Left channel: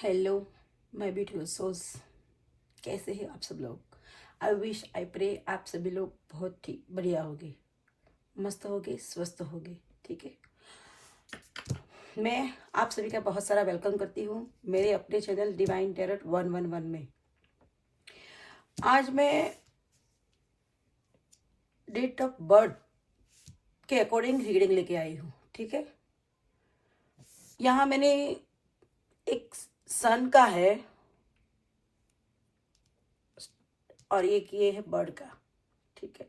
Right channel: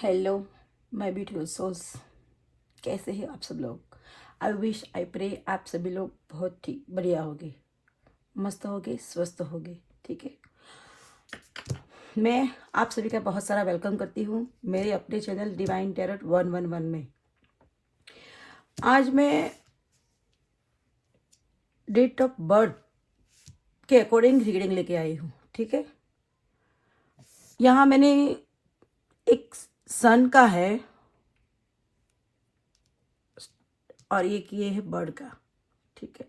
Hello my beautiful souls, कैसे हैं आप सब लोग। आई विश आई प्रे आप सभी लोग बहुत ही बढ़िया होगे, मस्त होगे, स्वस्थ होगे। ठीक है, मैं आप सभी का बहुत सारा वेलकम करती हूँ मेरे अपने चैनल डिवाइन टैरोट 111 में। आज मैं डेट ऑफ बर्थ के अकॉर्डिंग रीडिंग लेके आई हूँ। ठीक है, यहाँ मैंने एक सन का है और एक ये है बर्ड का। ठीक है,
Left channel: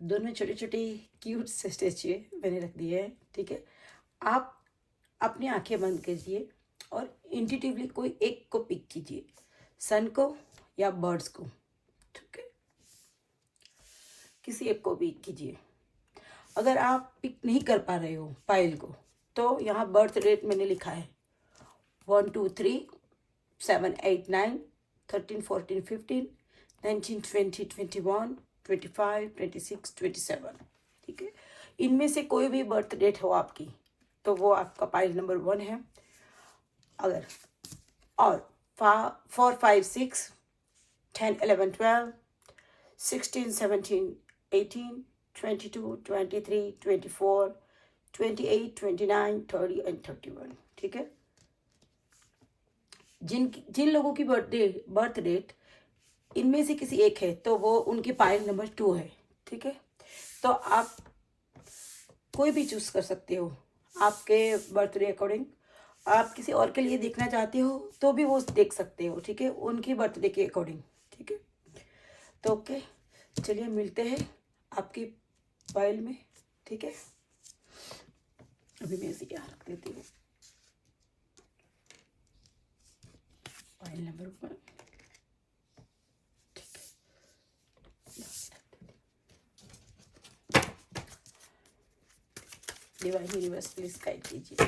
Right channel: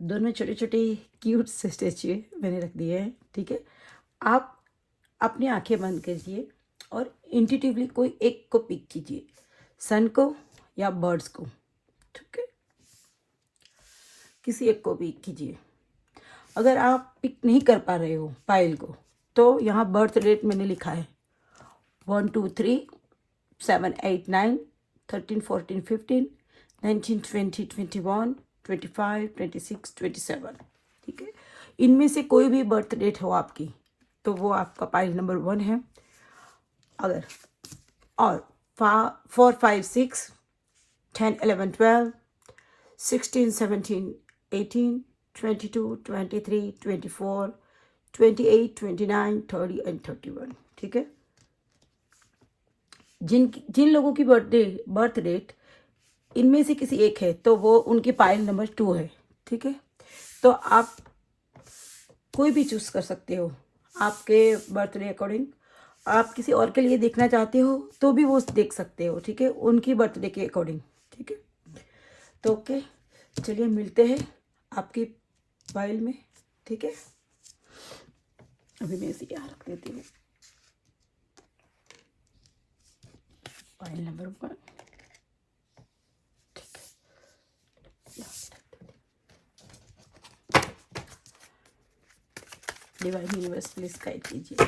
दोनों छोटे छोटे क्यूट से स्टैचू मैंने रख दिए हैं। ठीक है, आप अपनी आंखें बंद कीजिए और इंट्यूटिवली कोई एक को पिक कीजिए, सन को या बर्ड्स को। ठीक है, किसी एक को पिक कीजिए। अगर आप पिक नहीं कर पा रहे हो पायल को, तो यहाँ बर्थ डेट मैंने लिखा है 1 2 3 7 8 9 13 14 15 19 20 21 25 26 27। ठीक है, इनमें से कोई भी बर्थ डेट हो आपकी तो वो आपका पाइल नंबर 1 है। अगर और 4 5 6 10 11 12 16 17 18 22 23 24 28 29 30 एंड 31। ठीक है, जिन लोगों की बर्थ डेट इनमें से किसी एक है तो वो उनकी पाइल नंबर 2 है। ठीक है, तो आप कोई भी चूज कर सकते हो आपके बर्थडे अकॉर्डिंग। आप किसी और के लिए देखना चाहते हो तो भी वो देख सकते हो। ठीक है, उनकी बर्थडे के अकॉर्डिंग। ठीक है, तो ओके, चलिए मिलते हैं आपकी फाइल में। ठीक है, अभी मैं इसे यहाँ रख देती हूँ। File number 1। Divine universe please guide कीजिए,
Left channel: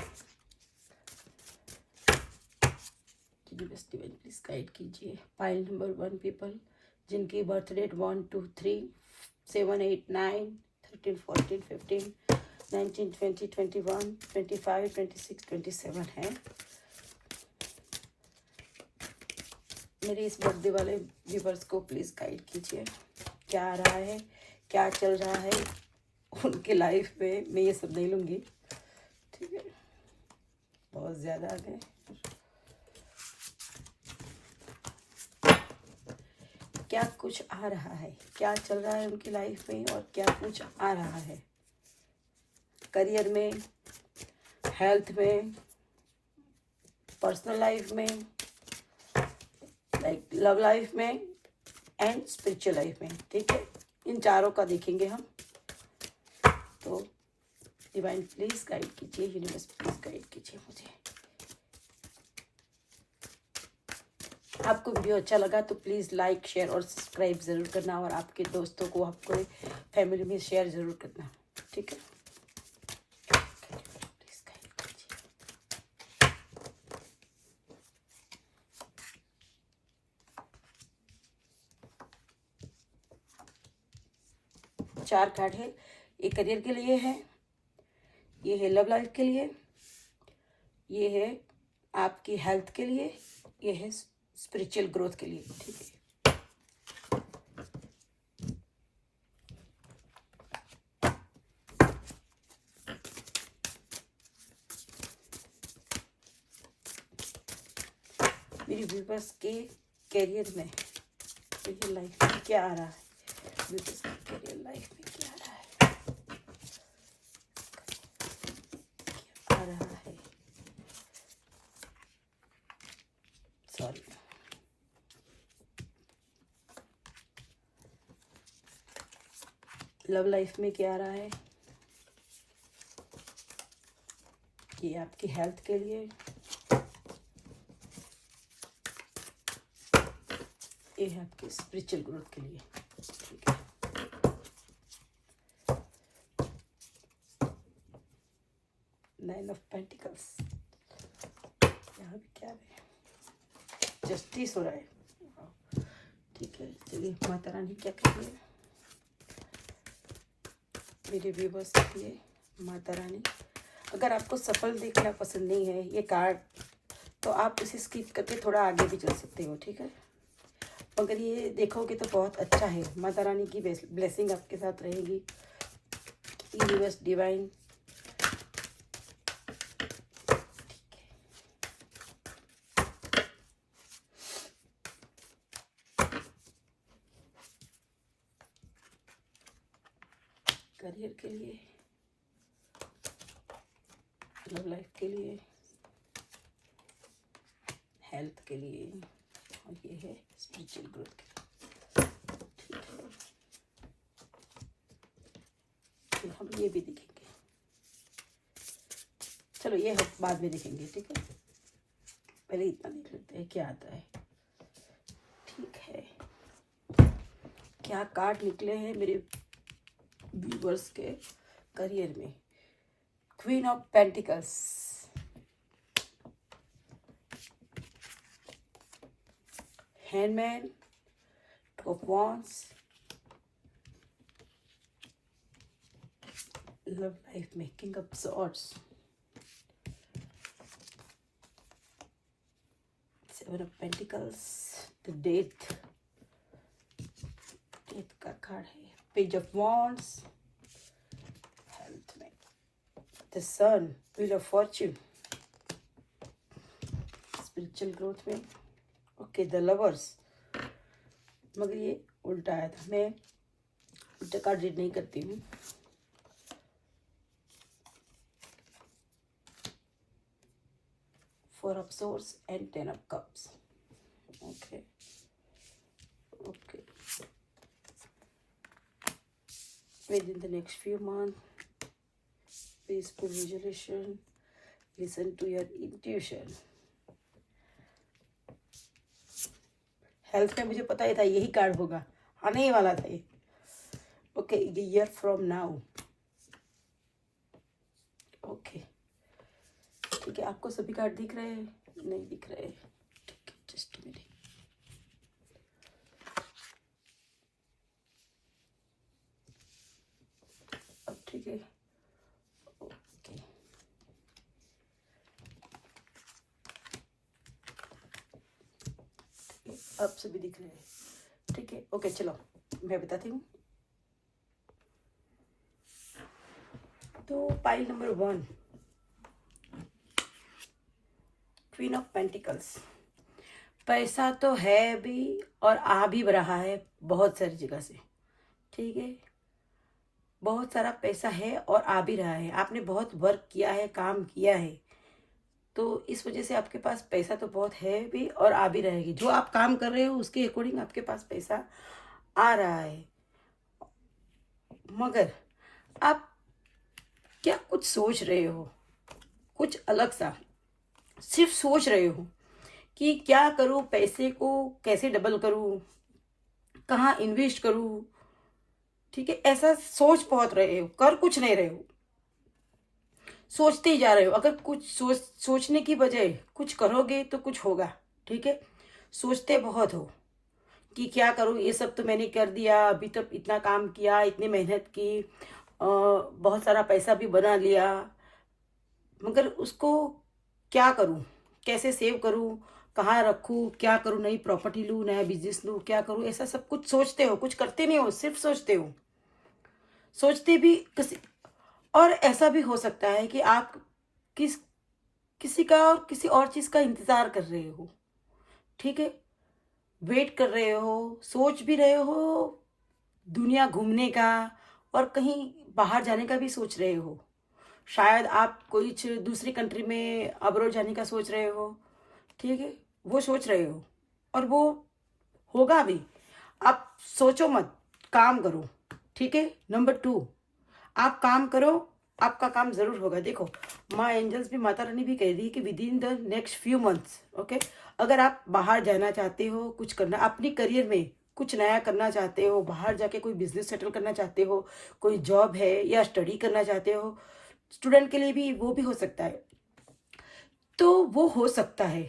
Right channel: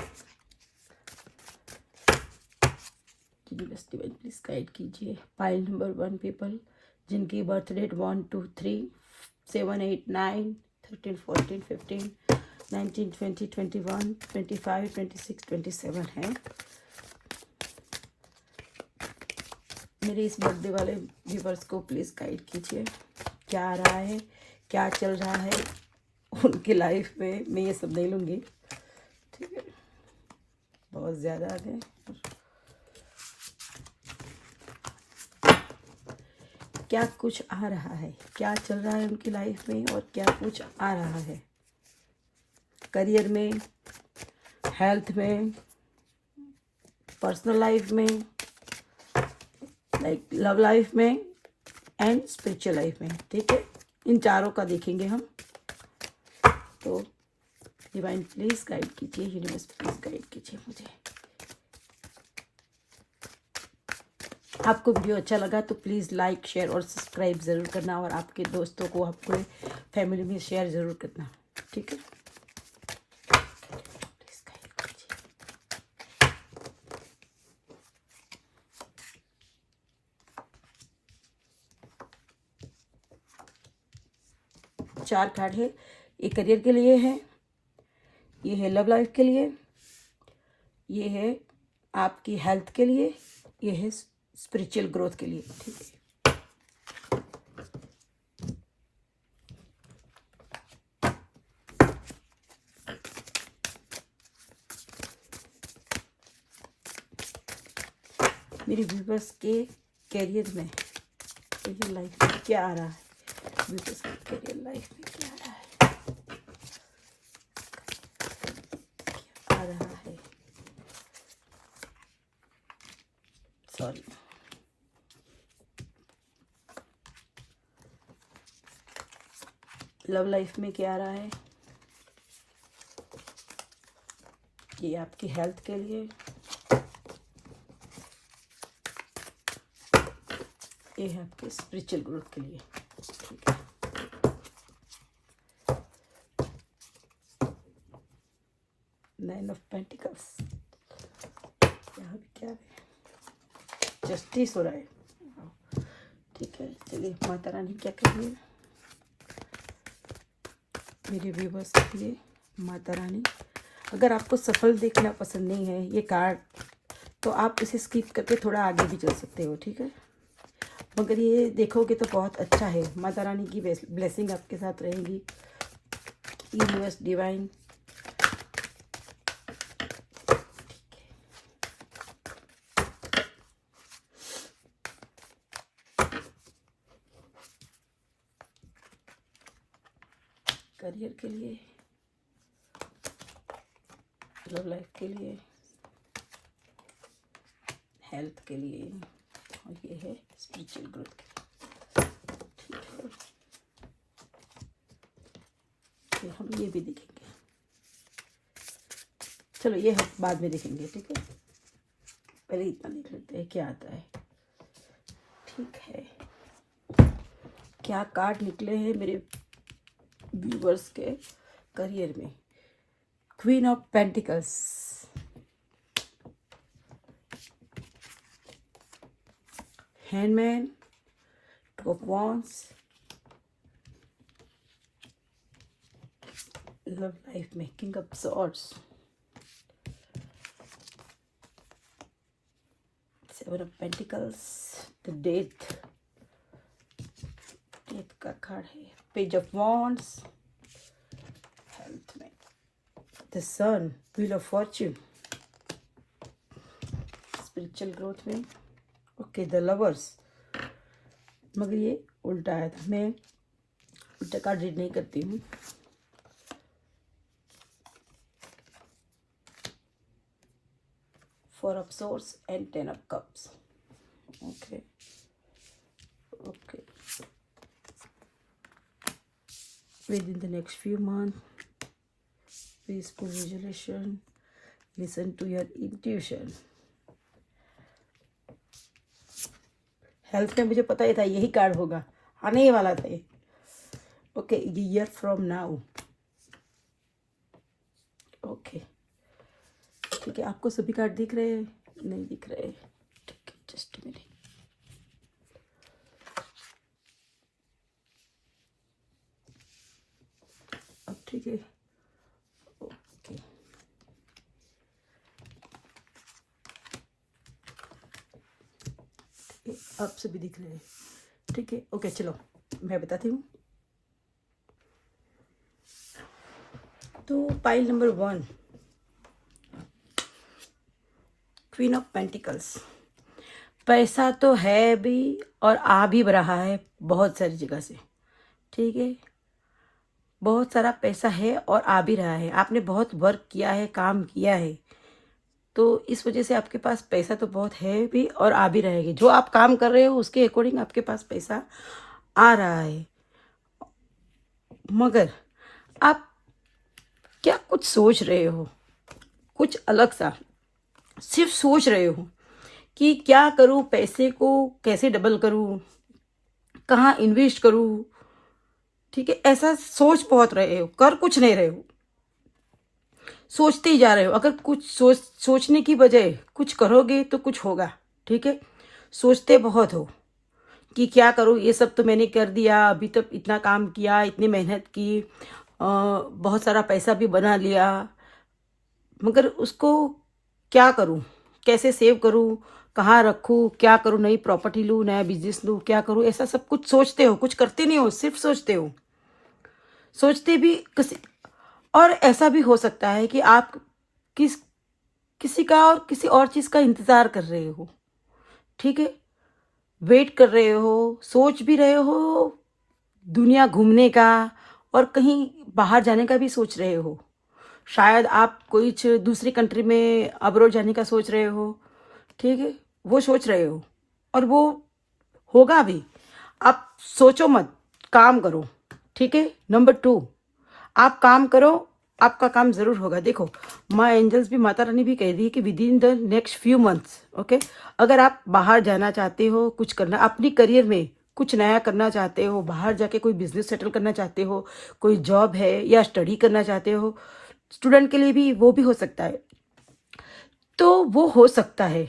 यूनिवर्स डिवाइन प्लीज गाइड कीजिए। फाइल नंबर 1 पीपल जिनकी बर्थ डेट 1 2 3 7 8 9 13 14 15 19 20 21 25 26 27 है। मेरे इस बर्थडे वाले व्यूवर्स को प्लीज गाइड कीजिए, क्या आ रहा है, क्या चल रहा है उनकी लाइफ में। मैं ये सब नहीं लूँगी। ठीक है, बहुत ज़्यादा आ गए। क्या कुछ आ रहा है, क्या चल रहा है उनकी लाइफ में और क्या कुछ आ रहा है करियर में, हेल्थ में, पर्सनल लाइफ में, लाइक लव लाइफ में एंड स्पिरिचुअल लाइफ में। ठीक है, इन चारों का देखेंगे हम। तो डिवाइन प्लीज गाइड कीजिए, यूनिवर्स प्लीज गाइड कीजिए मुझे। आपको वीडियो अच्छा लगा तो प्लीज़ लाइक शेयर और सब्सक्राइब ज़रूर करना और आपके दोस्तों को, आपके फैमिली में शेयर ज़रूर करना। ठीक है, प्लीज़ गाइड कीजिए। 4 कार्ड है, ये करियर के लिए है, ये है लव लाइफ के लिए, ये है आपकी हेल्थ के लिए, ये है स्पिरिचुअल ग्रोथ के लिए। ठीक है, मेरी व्यूवर्स के कैरियर में, कैरियर लाइफ में क्या आ रहा है, व्यूवर्स के कैरियर लाइफ में क्या आ रहा है, सॉरी। लव लाइफ में क्या आ रहा है, ये आपकी हेल्थ के लिए, ये है आपके स्पिरिचुअल ग्रोथ के लिए। ठीक है, नाइन ऑफ पेंटिकल्स, यहाँ भी क्या है, जस्टिस हो रहा है। ठीक है, चलिए माता रानी क्या कह रही है मेरे व्यूवर्स के लिए। माता रानी अगर आपको सफल देखना पसंद नहीं है ये कार्ड, तो आप इसे स्किप करके थोड़ा आगे भी चल सकते हो, ठीक है। मगर ये देखोगे तो बहुत अच्छा है, माता रानी की ब्लेसिंग आपके साथ रहेगी। यूनिवर्स डिवाइन, करियर के लिए, लव लाइफ के लिए, हेल्थ के लिए, और ये है स्पिरिचुअल ग्रोथ के लिए, ठीक है। फिर हम ये भी देखेंगे, चलो ये हम बाद में देखेंगे, ठीक है। पहले इतना देख लेते हैं क्या आता है, ठीक है। क्या कार्ड निकले हैं मेरे व्यूवर्स के करियर में। Queen of pentacles, hangman, two of wands, love life में king of swords, seven of pentacles, the death का कार्ड है, पेज ऑफ वॉन्ड्स, हेल्थ में the sun, wheel of fortune, spiritual growth में okay the lovers. मगर ये उल्टा आया था, मैं उल्टा कार्ड रीड नहीं करती हूँ। Four of source and 10 of cups, okay okay. Within the next few months, peaceful visualization, listen to your intuition. Health में मुझे पता ही था यही कार्ड होगा, आने ही वाला था ये, okay. Year from now, okay ठीक है। आपको सभी कार्ड दिख रहे हैं? नहीं दिख रहे, ठीक है, जस्ट मिनट। अब ठीक है, ओके। आप सभी दिख रहे हैं, ठीक है, ओके। चलो मैं बताती हूँ। तो pile number 1, queen of pentacles. पैसा तो है भी और आ भी रहा है बहुत सारी जगह से, ठीक है। बहुत सारा पैसा है और आ भी रहा है, आपने बहुत वर्क किया है, काम किया है, तो इस वजह से आपके पास पैसा तो बहुत है भी और आ भी रहेगा। जो आप काम कर रहे हो उसके अकॉर्डिंग आपके पास पैसा आ रहा है। मगर आप क्या कुछ सोच रहे हो, कुछ अलग सा सिर्फ सोच रहे हो कि क्या करूं, पैसे को कैसे डबल करूं, कहाँ इन्वेस्ट करूं, ठीक है। ऐसा सोच बहुत रहे हो, कर कुछ नहीं रहे हो, सोचते ही जा रहे हो। अगर कुछ सोचने की बजाय कुछ करोगे तो कुछ होगा, ठीक है। सोचते बहुत हो कि क्या करूं, ये सब तो मैंने कर दिया, अभी तक इतना काम किया, इतनी मेहनत की, बहुत सारा पैसा भी बना लिया, मगर उसको क्या करूं, कैसे सेव करूं, कहाँ रखूं, क्या करूं, नई प्रॉपर्टी लूं, नया बिजनेस लूं, क्या करूं, ऐसा सब कुछ सोचते हो, कुछ करते नहीं हो, सिर्फ सोचते हो। सोचते भी किसी और ऐसा भी हो सकता है कि आप किसी का और किसी और चीज का इंतजार कर रहे हो, ठीक है। वेट कर रहे हो, सोच भी रहे हो दुनिया घूमने का और कहीं बाहर जाने का भी सोच रहे हो। शायद आप कोई दूसरी कंट्री में अब्रॉड जाने का सोच रहे हो, ठीक है, वो सोच रहे हो और वो होगा भी। आप सोचो मत, काम करो, ठीक है। नंबर 2, आप काम करो, आपका काम जरूर होगा। देखो माँ एंजल्स भी, माता रानी भी कह दी है कि with in the next few months, okay. अगर आप बाहर जाना चाहते हो, कुछ करना, अपनी करियर में कुछ नया करना चाहते हो, बाहर जाके कोई बिजनेस सेटल करना चाहते हो, कोई जॉब है या स्टडी करना चाहते हो, स्टूडेंट के लिए भी वो भी हो सकता है, तो वो हो सकता है,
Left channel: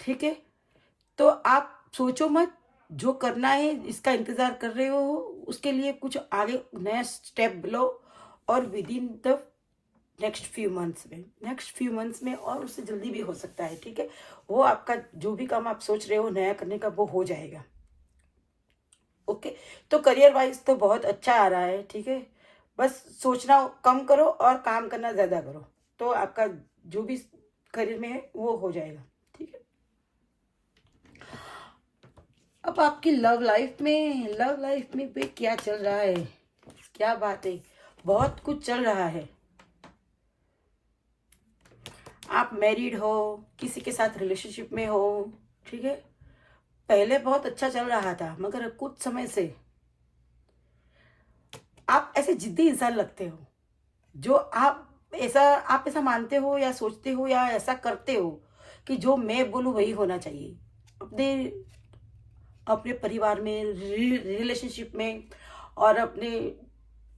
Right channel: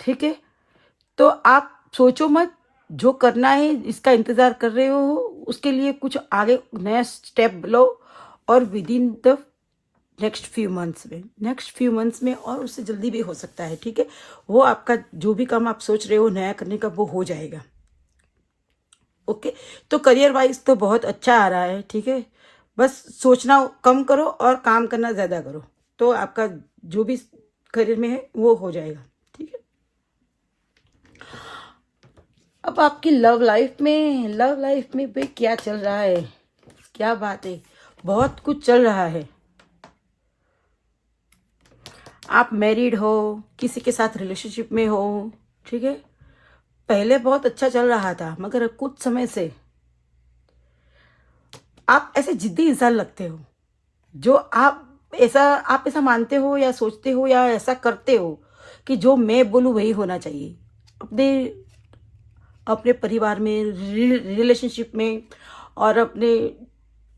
ठीक है। तो आप सोचो मत, जो करना है, इसका इंतजार कर रहे हो, उसके लिए कुछ आगे नया स्टेप लो और with in the next few months में, और उससे जल्दी भी हो सकता है, ठीक है। वो आपका जो भी काम आप सोच रहे हो नया करने का, वो हो जाएगा। ओके, तो करियर वाइज तो बहुत अच्छा आ रहा है, ठीक है। बस सोचना कम करो और काम करना ज़्यादा करो, तो आपका जो भी करियर में है वो हो जाएगा, ठीक है। अब आपकी लव लाइफ में भी क्या चल रहा है, क्या बात है, बहुत कुछ चल रहा है। आप मैरिड हो, किसी के साथ रिलेशनशिप में हो, ठीक है। पहले बहुत अच्छा चल रहा था, मगर अब कुछ समय से आप ऐसे जिद्दी इंसान लगते हो, जो आप ऐसा मानते हो या सोचते हो या ऐसा करते हो कि जो मैं बोलूँ वही होना चाहिए, अपने अपने परिवार में, रिलेशनशिप में, और अपने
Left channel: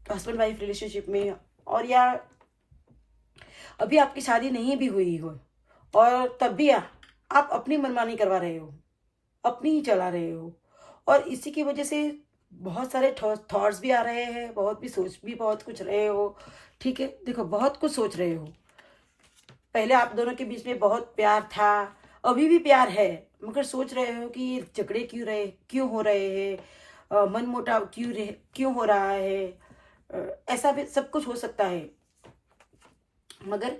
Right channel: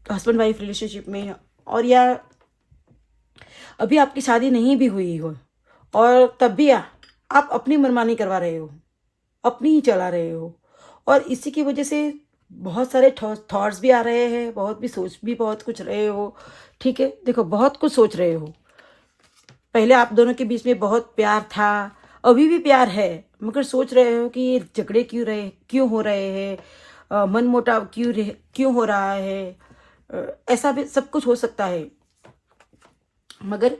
हस्बैंड वाइफ रिलेशनशिप में, और या अभी आपकी शादी नहीं भी हुई हो और तब भी आप अपनी मनमानी करवा रहे हो, अपनी ही चला रहे हो, और इसी की वजह से बहुत सारे थॉट्स भी आ रहे हैं, सोच भी बहुत कुछ रहे हो, ठीक है। देखो, बहुत कुछ सोच रहे हो। पहले आप दोनों के बीच में बहुत प्यार था, अभी भी प्यार है, मगर सोच रहे हो कि ये झगड़े क्यों हो रहे हैं, मनमुटाव क्यों हो रहा है, ऐसा भी सब कुछ हो सकता है। मगर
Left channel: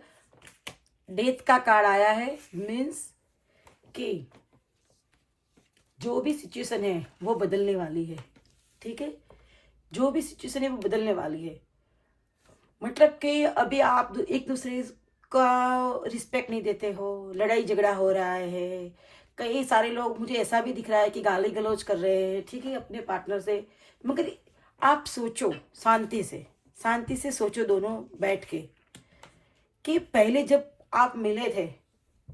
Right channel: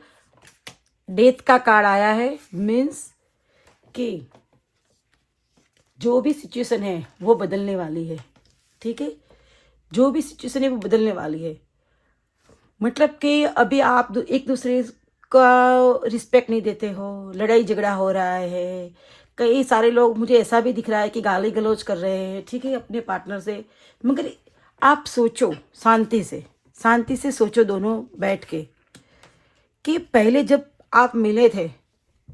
डेथ का कार्ड आया है, मीन्स कि जो भी सिचुएशन है वो बदलने वाली है, ठीक है। जो भी सिचुएशन है वो बदलने वाली है, मतलब कि अभी आप एक दूसरे का रिस्पेक्ट नहीं देते हो, लड़ाई झगड़ा हो रहा है। कई सारे लोग, मुझे ऐसा भी दिख रहा है कि गाली गलौज कर रहे हैं, ठीक है, अपने पार्टनर से। मगर आप सोचो, शांति से सोचो दोनों बैठ के, कि पहले जब आप मिले थे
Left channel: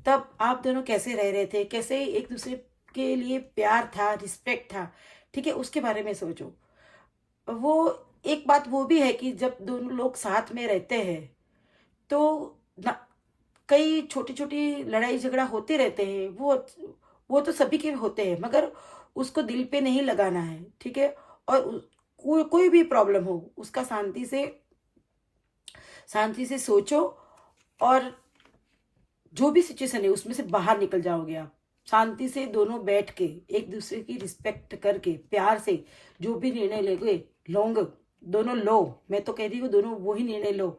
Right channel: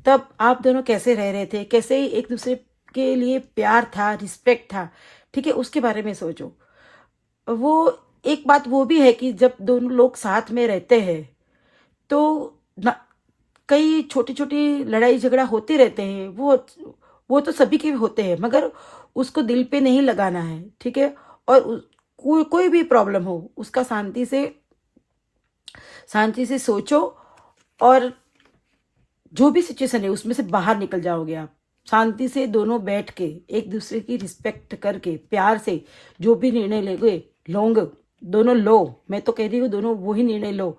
तब आप दोनों कैसे रह रहे थे, कैसे एक दूसरे के लिए प्यार था, रिस्पेक्ट था, ठीक है। उसके बारे में सोचो। वो एक बात वो भी है कि जब दोनों लोग साथ में रहते हैं तो ना, कई छोटी छोटी लड़ाई झगड़ा होते रहते हैं, वो तो सभी के होते हैं, मगर उसको दिल पे नहीं लगाना है, ठीक है। और कोई भी प्रॉब्लम हो, उसका शांति से सोचो, और जो भी सिचुएशन है उसमें से बाहर निकल जाओगे आप। शांति से दोनों बैठ के एक दूसरे की रिस्पेक्ट करके प्यार से जो भी निर्णय लोगे दोनों लो। मैं तो कह रही हूँ दोनों वही निर्णय लो,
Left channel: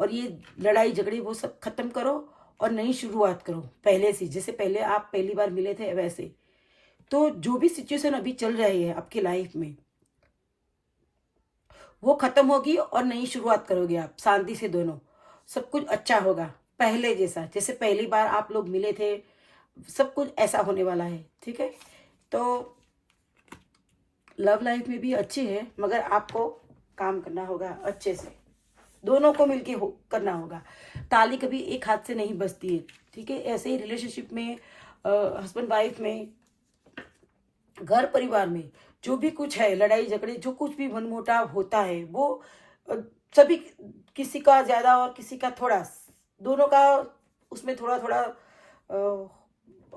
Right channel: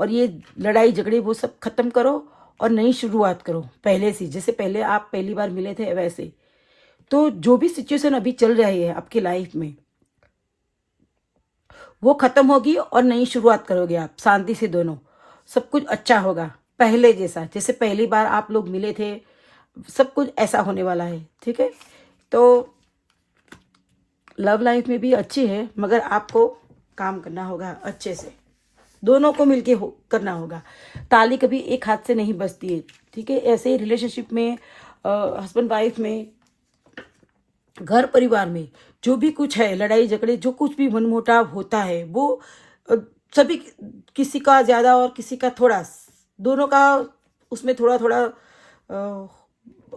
और ये लड़ाई झगड़े वो सब खत्म करो और नई शुरुआत करो, पहले से, जैसे पहले आप पहली बार मिले थे वैसे। तो जो भी सिचुएशन अभी चल रही है आपकी लाइफ में वो खत्म होगी और नई शुरुआत करोगे आप शांति से दोनों। सब कुछ अच्छा होगा, पहले जैसा, जैसे पहली बार आप लोग मिले थे, सब कुछ ऐसा होने वाला है, ठीक है। तो लव लाइफ में भी अच्छी है, मगर आपको काम करना होगा अच्छे से, दोनों को मिलके करना होगा। ताली कभी एक हाथ से नहीं बजती है, ठीक है। ऐसे ही रिलेशनशिप में, हस्बैंड वाइफ में, घर परिवार में जो भी कुछ है, लड़ाई झगड़े, जो कुछ भी मनमुटाव होता है, वो अ, सभी, किसी का ज्यादा और किसी का थोड़ा, दोनों का उसमें थोड़ा थोड़ा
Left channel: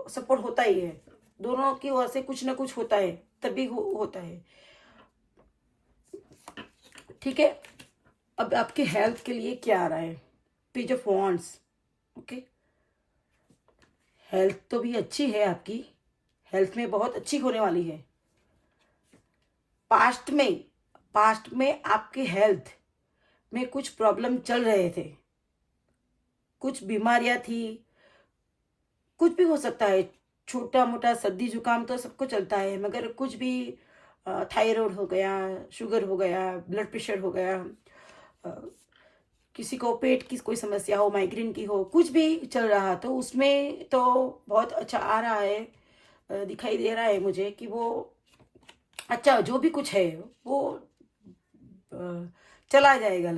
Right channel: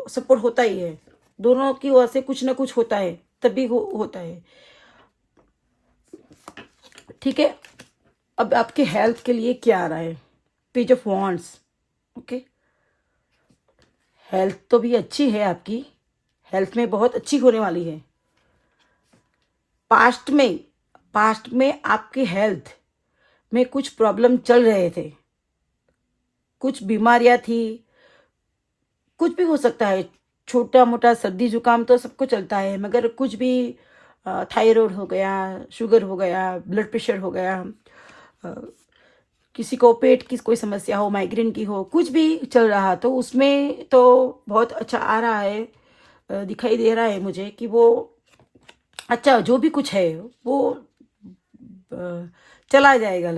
सपोर्ट होता ही है, दोनों की ओर से कुछ ना कुछ होता है, तभी होता है, ठीक है। अब आपके हेल्थ के लिए क्या आ रहा है, page of wands, okay. Health तो भी अच्छी है आपकी, हेल्थ में बहुत अच्छी होने वाली है। पास्ट में आपके हेल्थ में कुछ प्रॉब्लम चल रहे थे, कुछ बीमारियां थी, कुछ भी हो सकता है, छोटा मोटा सर्दी जुकाम तो सबको चलता है, मगर कुछ भी, थायराइड हो गया, शुगर हो गया, ब्लड प्रेशर हो गया, अ, किसी को पेट की कोई समस्या हो, माइग्रेन की हो, कुछ भी चल रहा, तो उसमें तो बहुत अच्छा आ रहा है, दिखाई दे रहा है मुझे कि वो अच्छा, जो भी कुछ है वो चला जाएगा।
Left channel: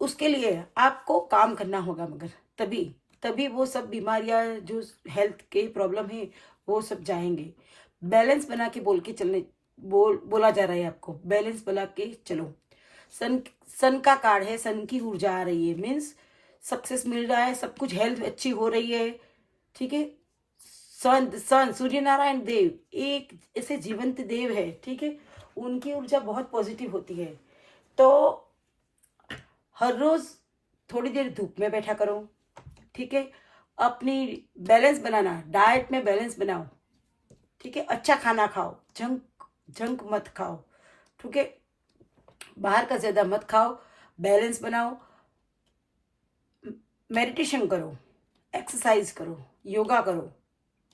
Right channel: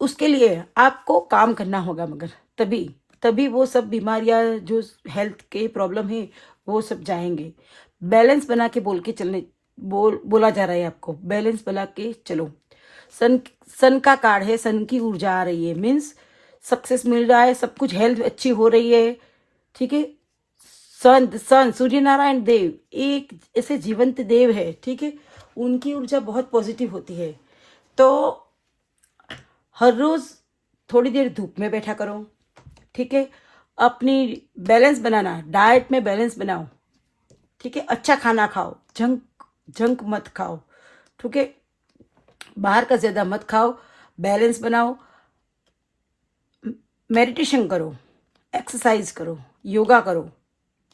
उसके लिए आपको काम करना होगा, मगर तभी तभी वो सब बीमारियां, जो हेल्थ के प्रॉब्लम है, वो सब जाएंगे। बैलेंस बना के बोला जा रहा है आपको, बैलेंस बना के चलो। सन सन का कार्ड है, सन की ऊर्जा आ रही है, मीन्स सक्सेस मिल रहा है, सब कुछ, हेल्थ अच्छी हो रही है, ठीक है। सन सूर्य नारायण देव एक ऐसे जीवंत देव है, ठीक है। उनकी ऊर्जा बहुत पॉजिटिव होती है, तो हर रोज थोड़ी देर धूप में बैठा करो, ठीक है। अपनी बैलेंस बनाना, डाइट में बैलेंस बनाओ, ठीक है। अच्छा खाना खाओ, जंक मत खाओ, ठीक है। बाहर का ज्यादा मत खाओ, बैलेंस बनाओ, मेडिटेशन करो, एक्सरसाइज करो, योगा करो,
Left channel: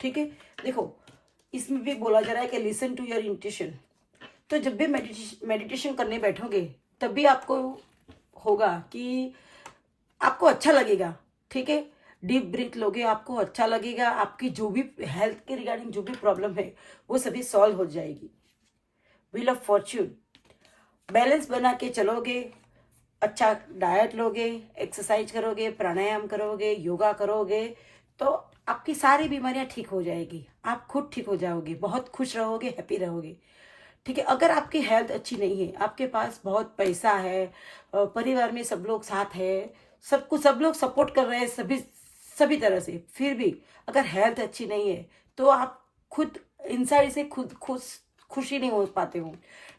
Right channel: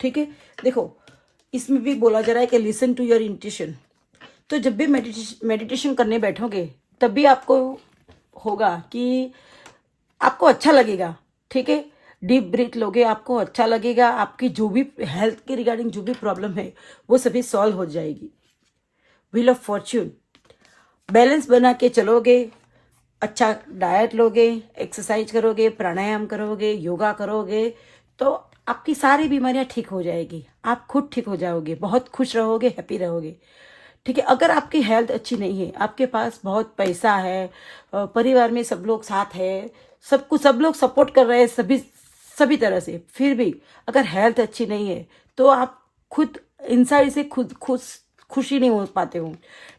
ठीक है। देखो इसमें भी बोला जा रहा है कि लिसन टू योर इंट्यूशन। तो जब भी मेडिटेशन करने बैठोगे तब भी आपको होगा कि आपको अच्छा लगेगा, ठीक है। डीप ब्रीथ लोगे, आपको अच्छा लगेगा, आपकी जो भी हेल्थ के रिगार्डिंग जो भी प्रॉब्लम है वो सभी सॉल्व हो जाएगी। व्हील ऑफ फॉर्च्यून, बैलेंस बना के चलोगे, अच्छा डाइट लोगे, एक्सरसाइज करोगे, प्राणायाम करोगे, योगा करोगे, तो आपकी सारी बीमारियां ठीक हो जाएगी, आप खुद ठीक हो जाओगे, बहुत खुश रहोगे, हैप्पी रहोगे, ठीक है। अगर आपकी हेल्थ अच्छी नहीं है, आपके पास बहुत पैसा है, परिवार में सब लोग साथ है, सब लोग सपोर्ट कर रहे हैं सभी तरह से, फिर भी अगर हेल्थ अच्छी नहीं है तो आप खुद इनसाइड से खुद खुशी नहीं हो पाते हो,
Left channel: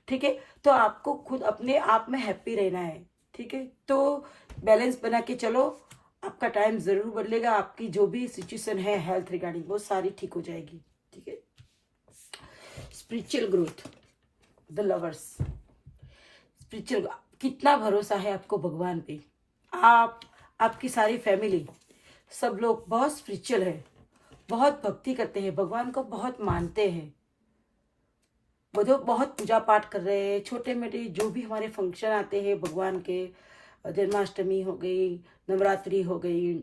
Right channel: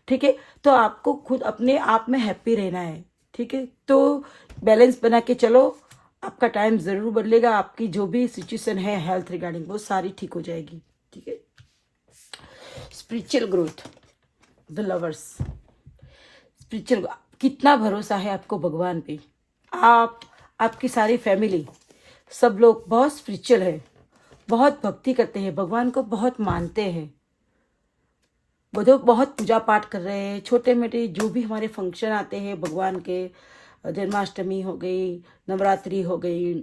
ठीक है। तो आपको खुद अपने आप में हैप्पी रहना है, ठीक है। तो बैलेंस बना के चलो, आपका टाइम जरूर बदलेगा, आपकी जो भी सिचुएशन है हेल्थ रिगार्डिंग वो सारी ठीक हो जाएगी, ठीक है। Spiritual growth, the lovers, spiritual, कितना भरोसा है आपको भगवान पे, आपकी सारी फैमिली सब लोग बहुत स्पिरिचुअल है, बहुत भक्ति करते हैं, भगवान को बहुत मानते हैं, बहुत पूजा पाठ कर रहे हैं। छोटे मोटे जो भी हमारे फंक्शन आते हैं भगवान के, जन्माष्टमी हो गई, नवरात्रि हो गई,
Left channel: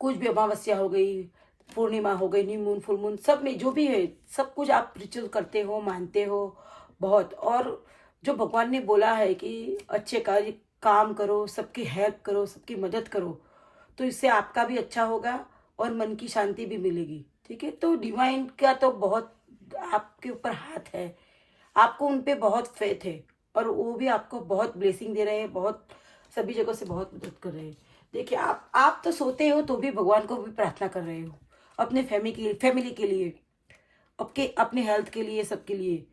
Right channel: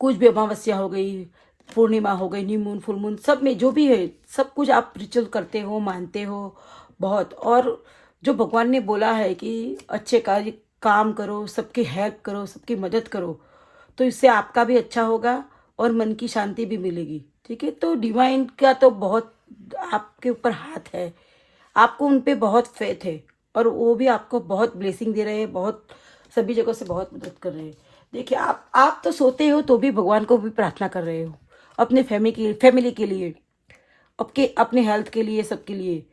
कुछ भी अमावस्या हो गई, पूर्णिमा हो गई, न्यू मून, फुल मून, सब में जो भी है सब कुछ आप रिचुअल करते हो, मानते हो बहुत। और जो भगवान ने बोला है कि अच्छे कार्य काम करो, सबकी हेल्प करो, सबकी मदद करो, तो इससे आपका भी अच्छा होगा और मन की शांति भी मिलेगी, ठीक है। तो डिवाइन का तो बहुत आपके ऊपर हाथ है, आपको उन पे बहुत फेथ है और वो भी आपको बहुत ब्लेसिंग दे रहे हैं, बहुत सभी जगह से बहुत मदद कर रहे हैं। देखिए आप तो सोते हो तो भी भगवान को भी प्रार्थना कर रहे हो, अपने फैमिली के लिए, अपने हेल्थ के लिए, सबके लिए।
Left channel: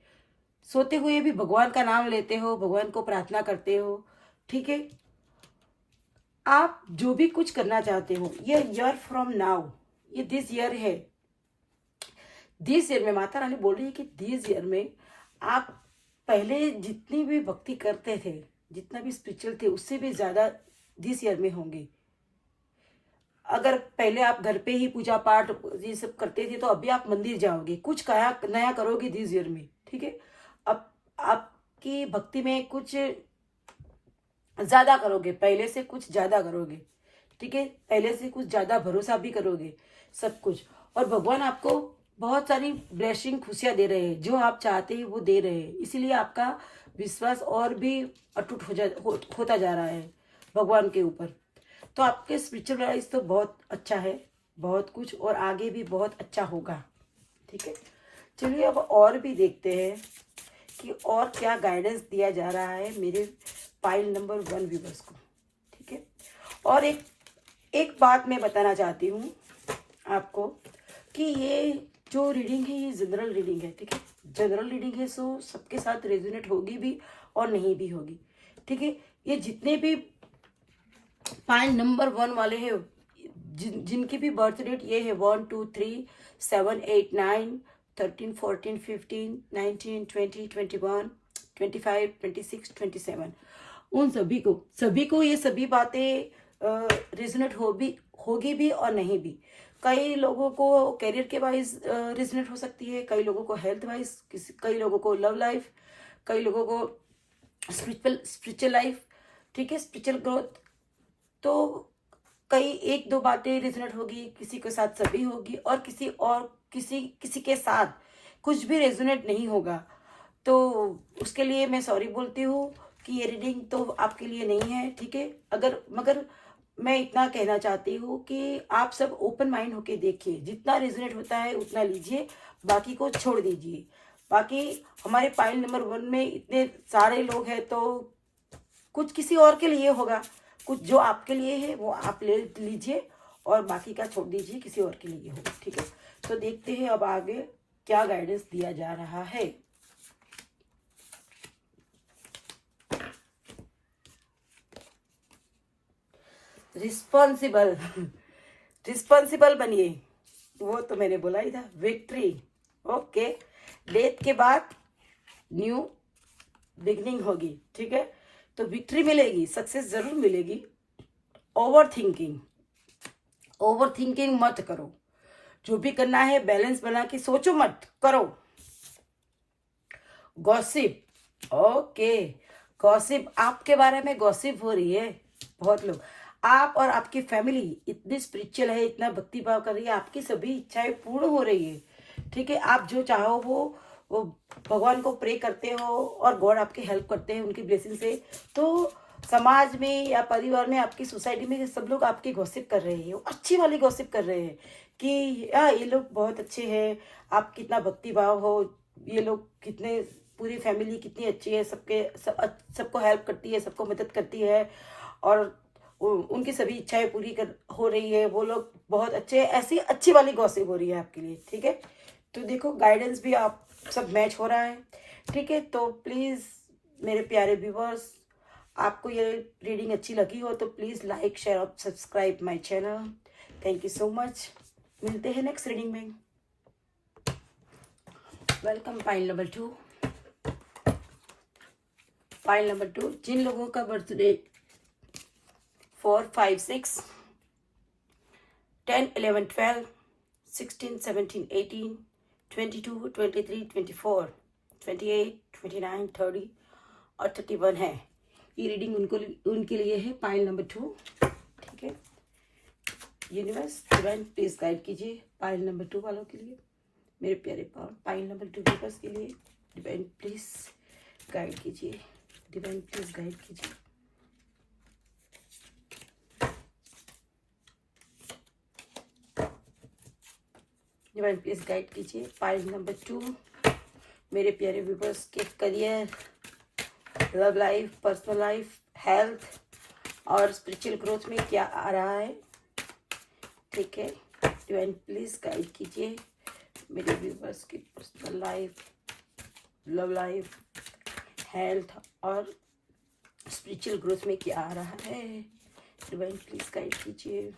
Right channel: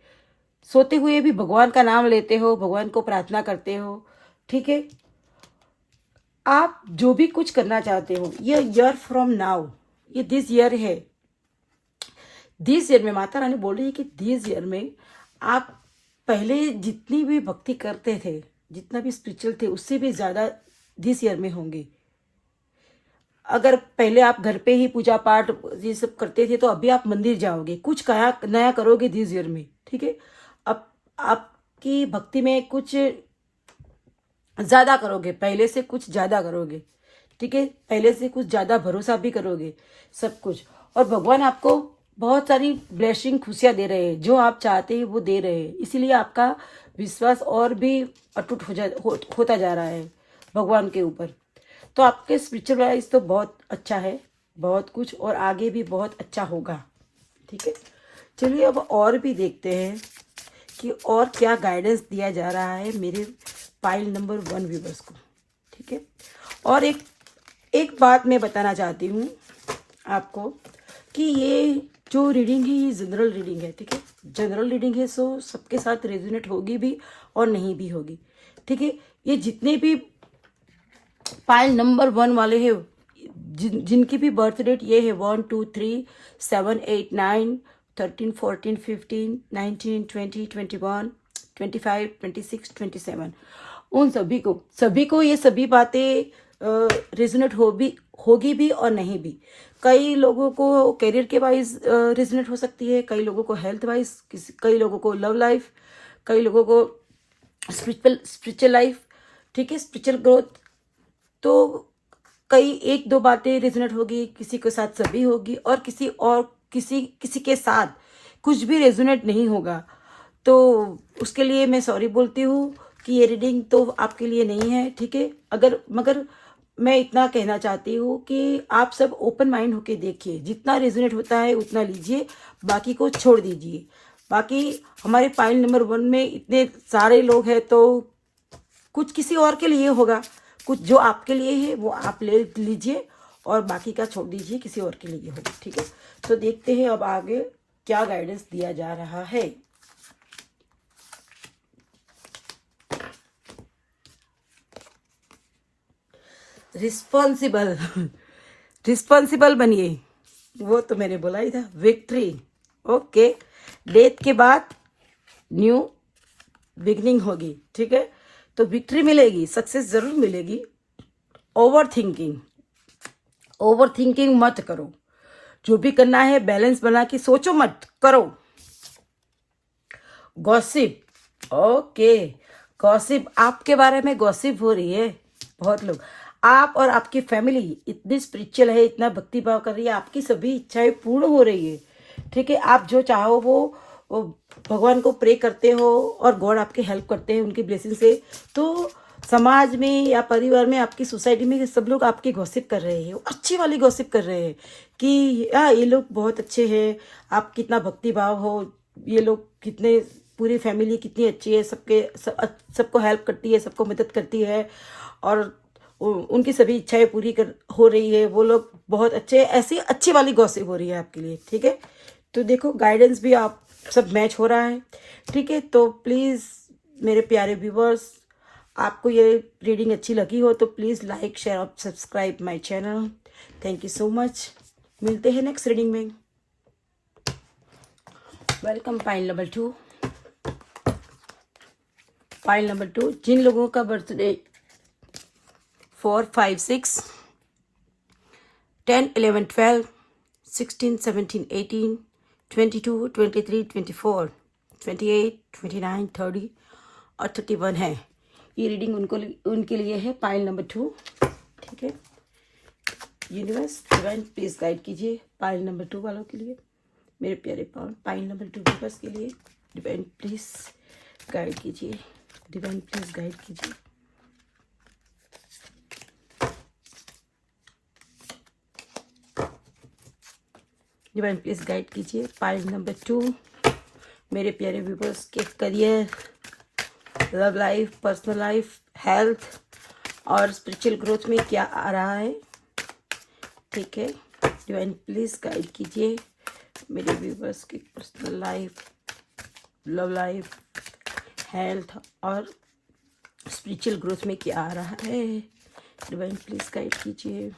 सोते हुए भी भगवान का नाम लेते हो, भगवान को प्रार्थना करते हो, ठीक है। आप जो भी कुछ करना चाहते हो, ये ईयर फ्रॉम नाउ, ये दिस ईयर है, दिस ईयर में माता रानी बोल रही है कि दिस ईयर में आप पहले जितनी भी भक्ति करते थे, जितना भी स्पिरिचुअल थे, उससे भी ज्यादा दिस ईयर में होंगे। अगर पहले आप घर पे ही पूजा पाठ ये सब करते थे तो अभी आप मंदिर जाओगे, कुछ नया करोगे दिस ईयर में, ठीक है। अब आपकी भक्ति में कुछ ज्यादा करोगे, पहले से कुछ ज्यादा करोगे, ठीक है। पहले से कुछ ज्यादा भरोसा भी करोगे, सब कुछ। और भगवान आपको बहुत सारी ब्लेसिंग, खुशियां दे रहे हैं, जो आप चाहते हैं वो दे रहे हैं, इसीलिए आपका विश्वास और भी अटूट होता जा रहा है भगवान के ऊपर। तो आपके स्पिरिचुअल लाइफ तो बहुत अच्छा है, बहुत कुछ, और आगे भी बहुत अच्छा होगा, ठीक है। चलिए अब और भी देखते हैं कि और क्या गाइडेंस दिया जा रहा है मेरे पाइल नंबर 1 व्यूवर्स को, ठीक है। और एक बात मैं बताना चाहती हूँ आपको कि ये जो रीडिंग है ये जनरल रीडिंग है, ठीक है। जनरल रीडिंग है, सो सबके साथ रेजोनेट होगी भी और नहीं भी होगी, ठीक है। ये जितने भी पाइल नंबर 1 वाले हैं, जिनकी भी बर्थ डेट ये है 1 2 3 7 8 9 13 14 15 19 20 21 25 26 27, उन सभी को ये सभी बातें रेजोनेट होगी भी और नहीं भी। कई लोगों को करियर के वाइज रेजोनेट हो सकती है, कई लोगों को हेल्थ वाइज, कई लोगों को लव लाइफ, कई लोगों को स्पिरिचुअल लाइफ, ठीक है, स्पिरिचुअल ग्रोथ। तो कई एक दो बातें रेजोनेट होगी, किसी के साथ सभी होगी, और किसी के साथ कुछ भी रेजोनेट नहीं होगा। तो उसके लिए मैं सॉरी बोलती हूँ कि ये रीडिंग तो आपके लिए नहीं है, ठीक है। मगर मैं इतना कहना चाहती हूँ कि आप सब ओपन माइंड होके देखिए, जितना रेजोनेट होता है उतना लीजिए, बाकी को छोड़ दीजिए। बाकी हमारे पाइल नंबर 1 में इतने सारे लोग हैं, तो कुछ किसी और के लिए होगा, कुछ जो आपके लिए है वो आप ले लीजिए और बाकी का छोड़ दीजिए, किसी और के लिए होगा, ठीक है। तो देखते हैं अब आगे क्या गाइडेंस दिया जा रहा है। रिस्पॉन्सिबल रिस्पॉन्सिबल बनिए, वो तो मैंने बोला ही था। Victory, okay. डेथ के बाद न्यू बिगनिंग होगी, ठीक है। तो विक्ट्री मिलेगी, सक्सेस जरूर मिलेगी। ओवर थिंकिंग मत करो, जो भी करना है बैलेंस बना के सोचो, मत करो। Gossip, okay. गॉसिप, आपके बारे में गॉसिप हो रही है। बहुत लोग, आप और आपकी फैमिली इतनी स्पिरिचुअल है, इतना भक्ति भाव कर रही है, आपकी सभी इच्छाएं पूर्ण हो रही है, ठीक है। आप जो चाहो वो भगवान को प्रे करते हो और गॉड आपके हेल्प करते हैं उनकी ब्लेसिंग से। तो समाज में या परिवार में, आपकी सोसाइटी में सब लोग आपकी गॉसिप कर रहे हैं, अच्छी वाली गॉसिप कर रहे हैं कि हाँ ये लोग बहुत अच्छे हैं, आप कितना भक्ति भाव हो, ये लोग कितने, पूरी फैमिली कितनी अच्छी है, सबको हेल्प करती है, सबको मदद करती है और उनकी सभी इच्छाएं पूरी हो रही है, वो लोग बहुत अच्छे, ऐसी अच्छी वाली गॉसिप हो रही है आपके लिए, ठीक है। तो देखो गाइडेंस भी आप सब मैच हो रहा है, ठीक है। तो प्लीज़ मेरे प्यारे व्यूवर्स, आपको ये रीडिंग अच्छी लगी हो तो प्लीज़ लाइक शेयर और subscribe my channel. Thank you so much. मिलते हैं नेक्स्ट रीडिंग में। Welcome pile number 2। Pile number 2, जिन लोगों का बर्थडे 4, 5, 6, 10, 11, 12, 16, 17, 18, 22, 23, 24, 28, 29, 30 और 31 है, ये रीडिंग उनके लिए है। पाइल नंबर 2, ठीक है। यूनिवर्स डिवाइन प्लीज गाइड कीजिए पाइल नंबर 2 वालों के लिए, मेरे प्यारे पाइल नंबर 2 व्यूअर्स के लिए डिवाइन प्लीज गाइड कीजिए, डिवाइन प्लीज गाइड कीजिए। डिवाइन प्लीज गाइड कीजिए पाइल नंबर 2, मेरे प्यारे व्यूअर्स के career, love life, personal life, health और स्पिरिचुअल ग्रोथ में क्या आ रहा है, ठीक है। डिवाइन प्लीज गाइड कीजिए मेरे व्यूअर्स की personal life, love life, health और स्पिरिचुअल ग्रोथ में क्या आ रहा है। डिवाइन प्लीज गाइड कीजिए।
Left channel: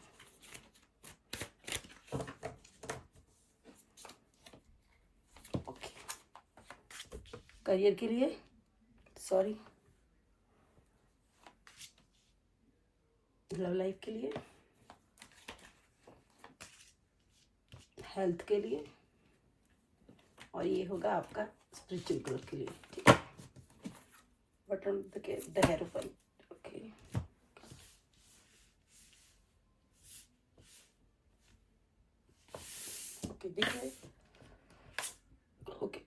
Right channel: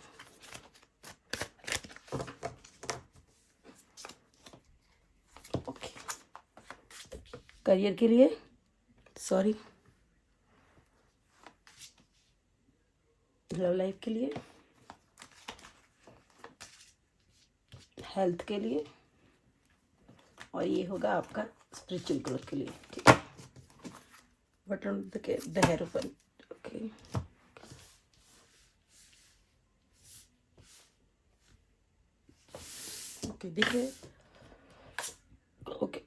करियर के लिए, सॉरी, लव लाइफ के लिए, हेल्थ के लिए और ये होगा आपका स्पिरिचुअल ग्रोथ के लिए, ठीक है। Button the hierophant, okay. Okay देखिए, ओके।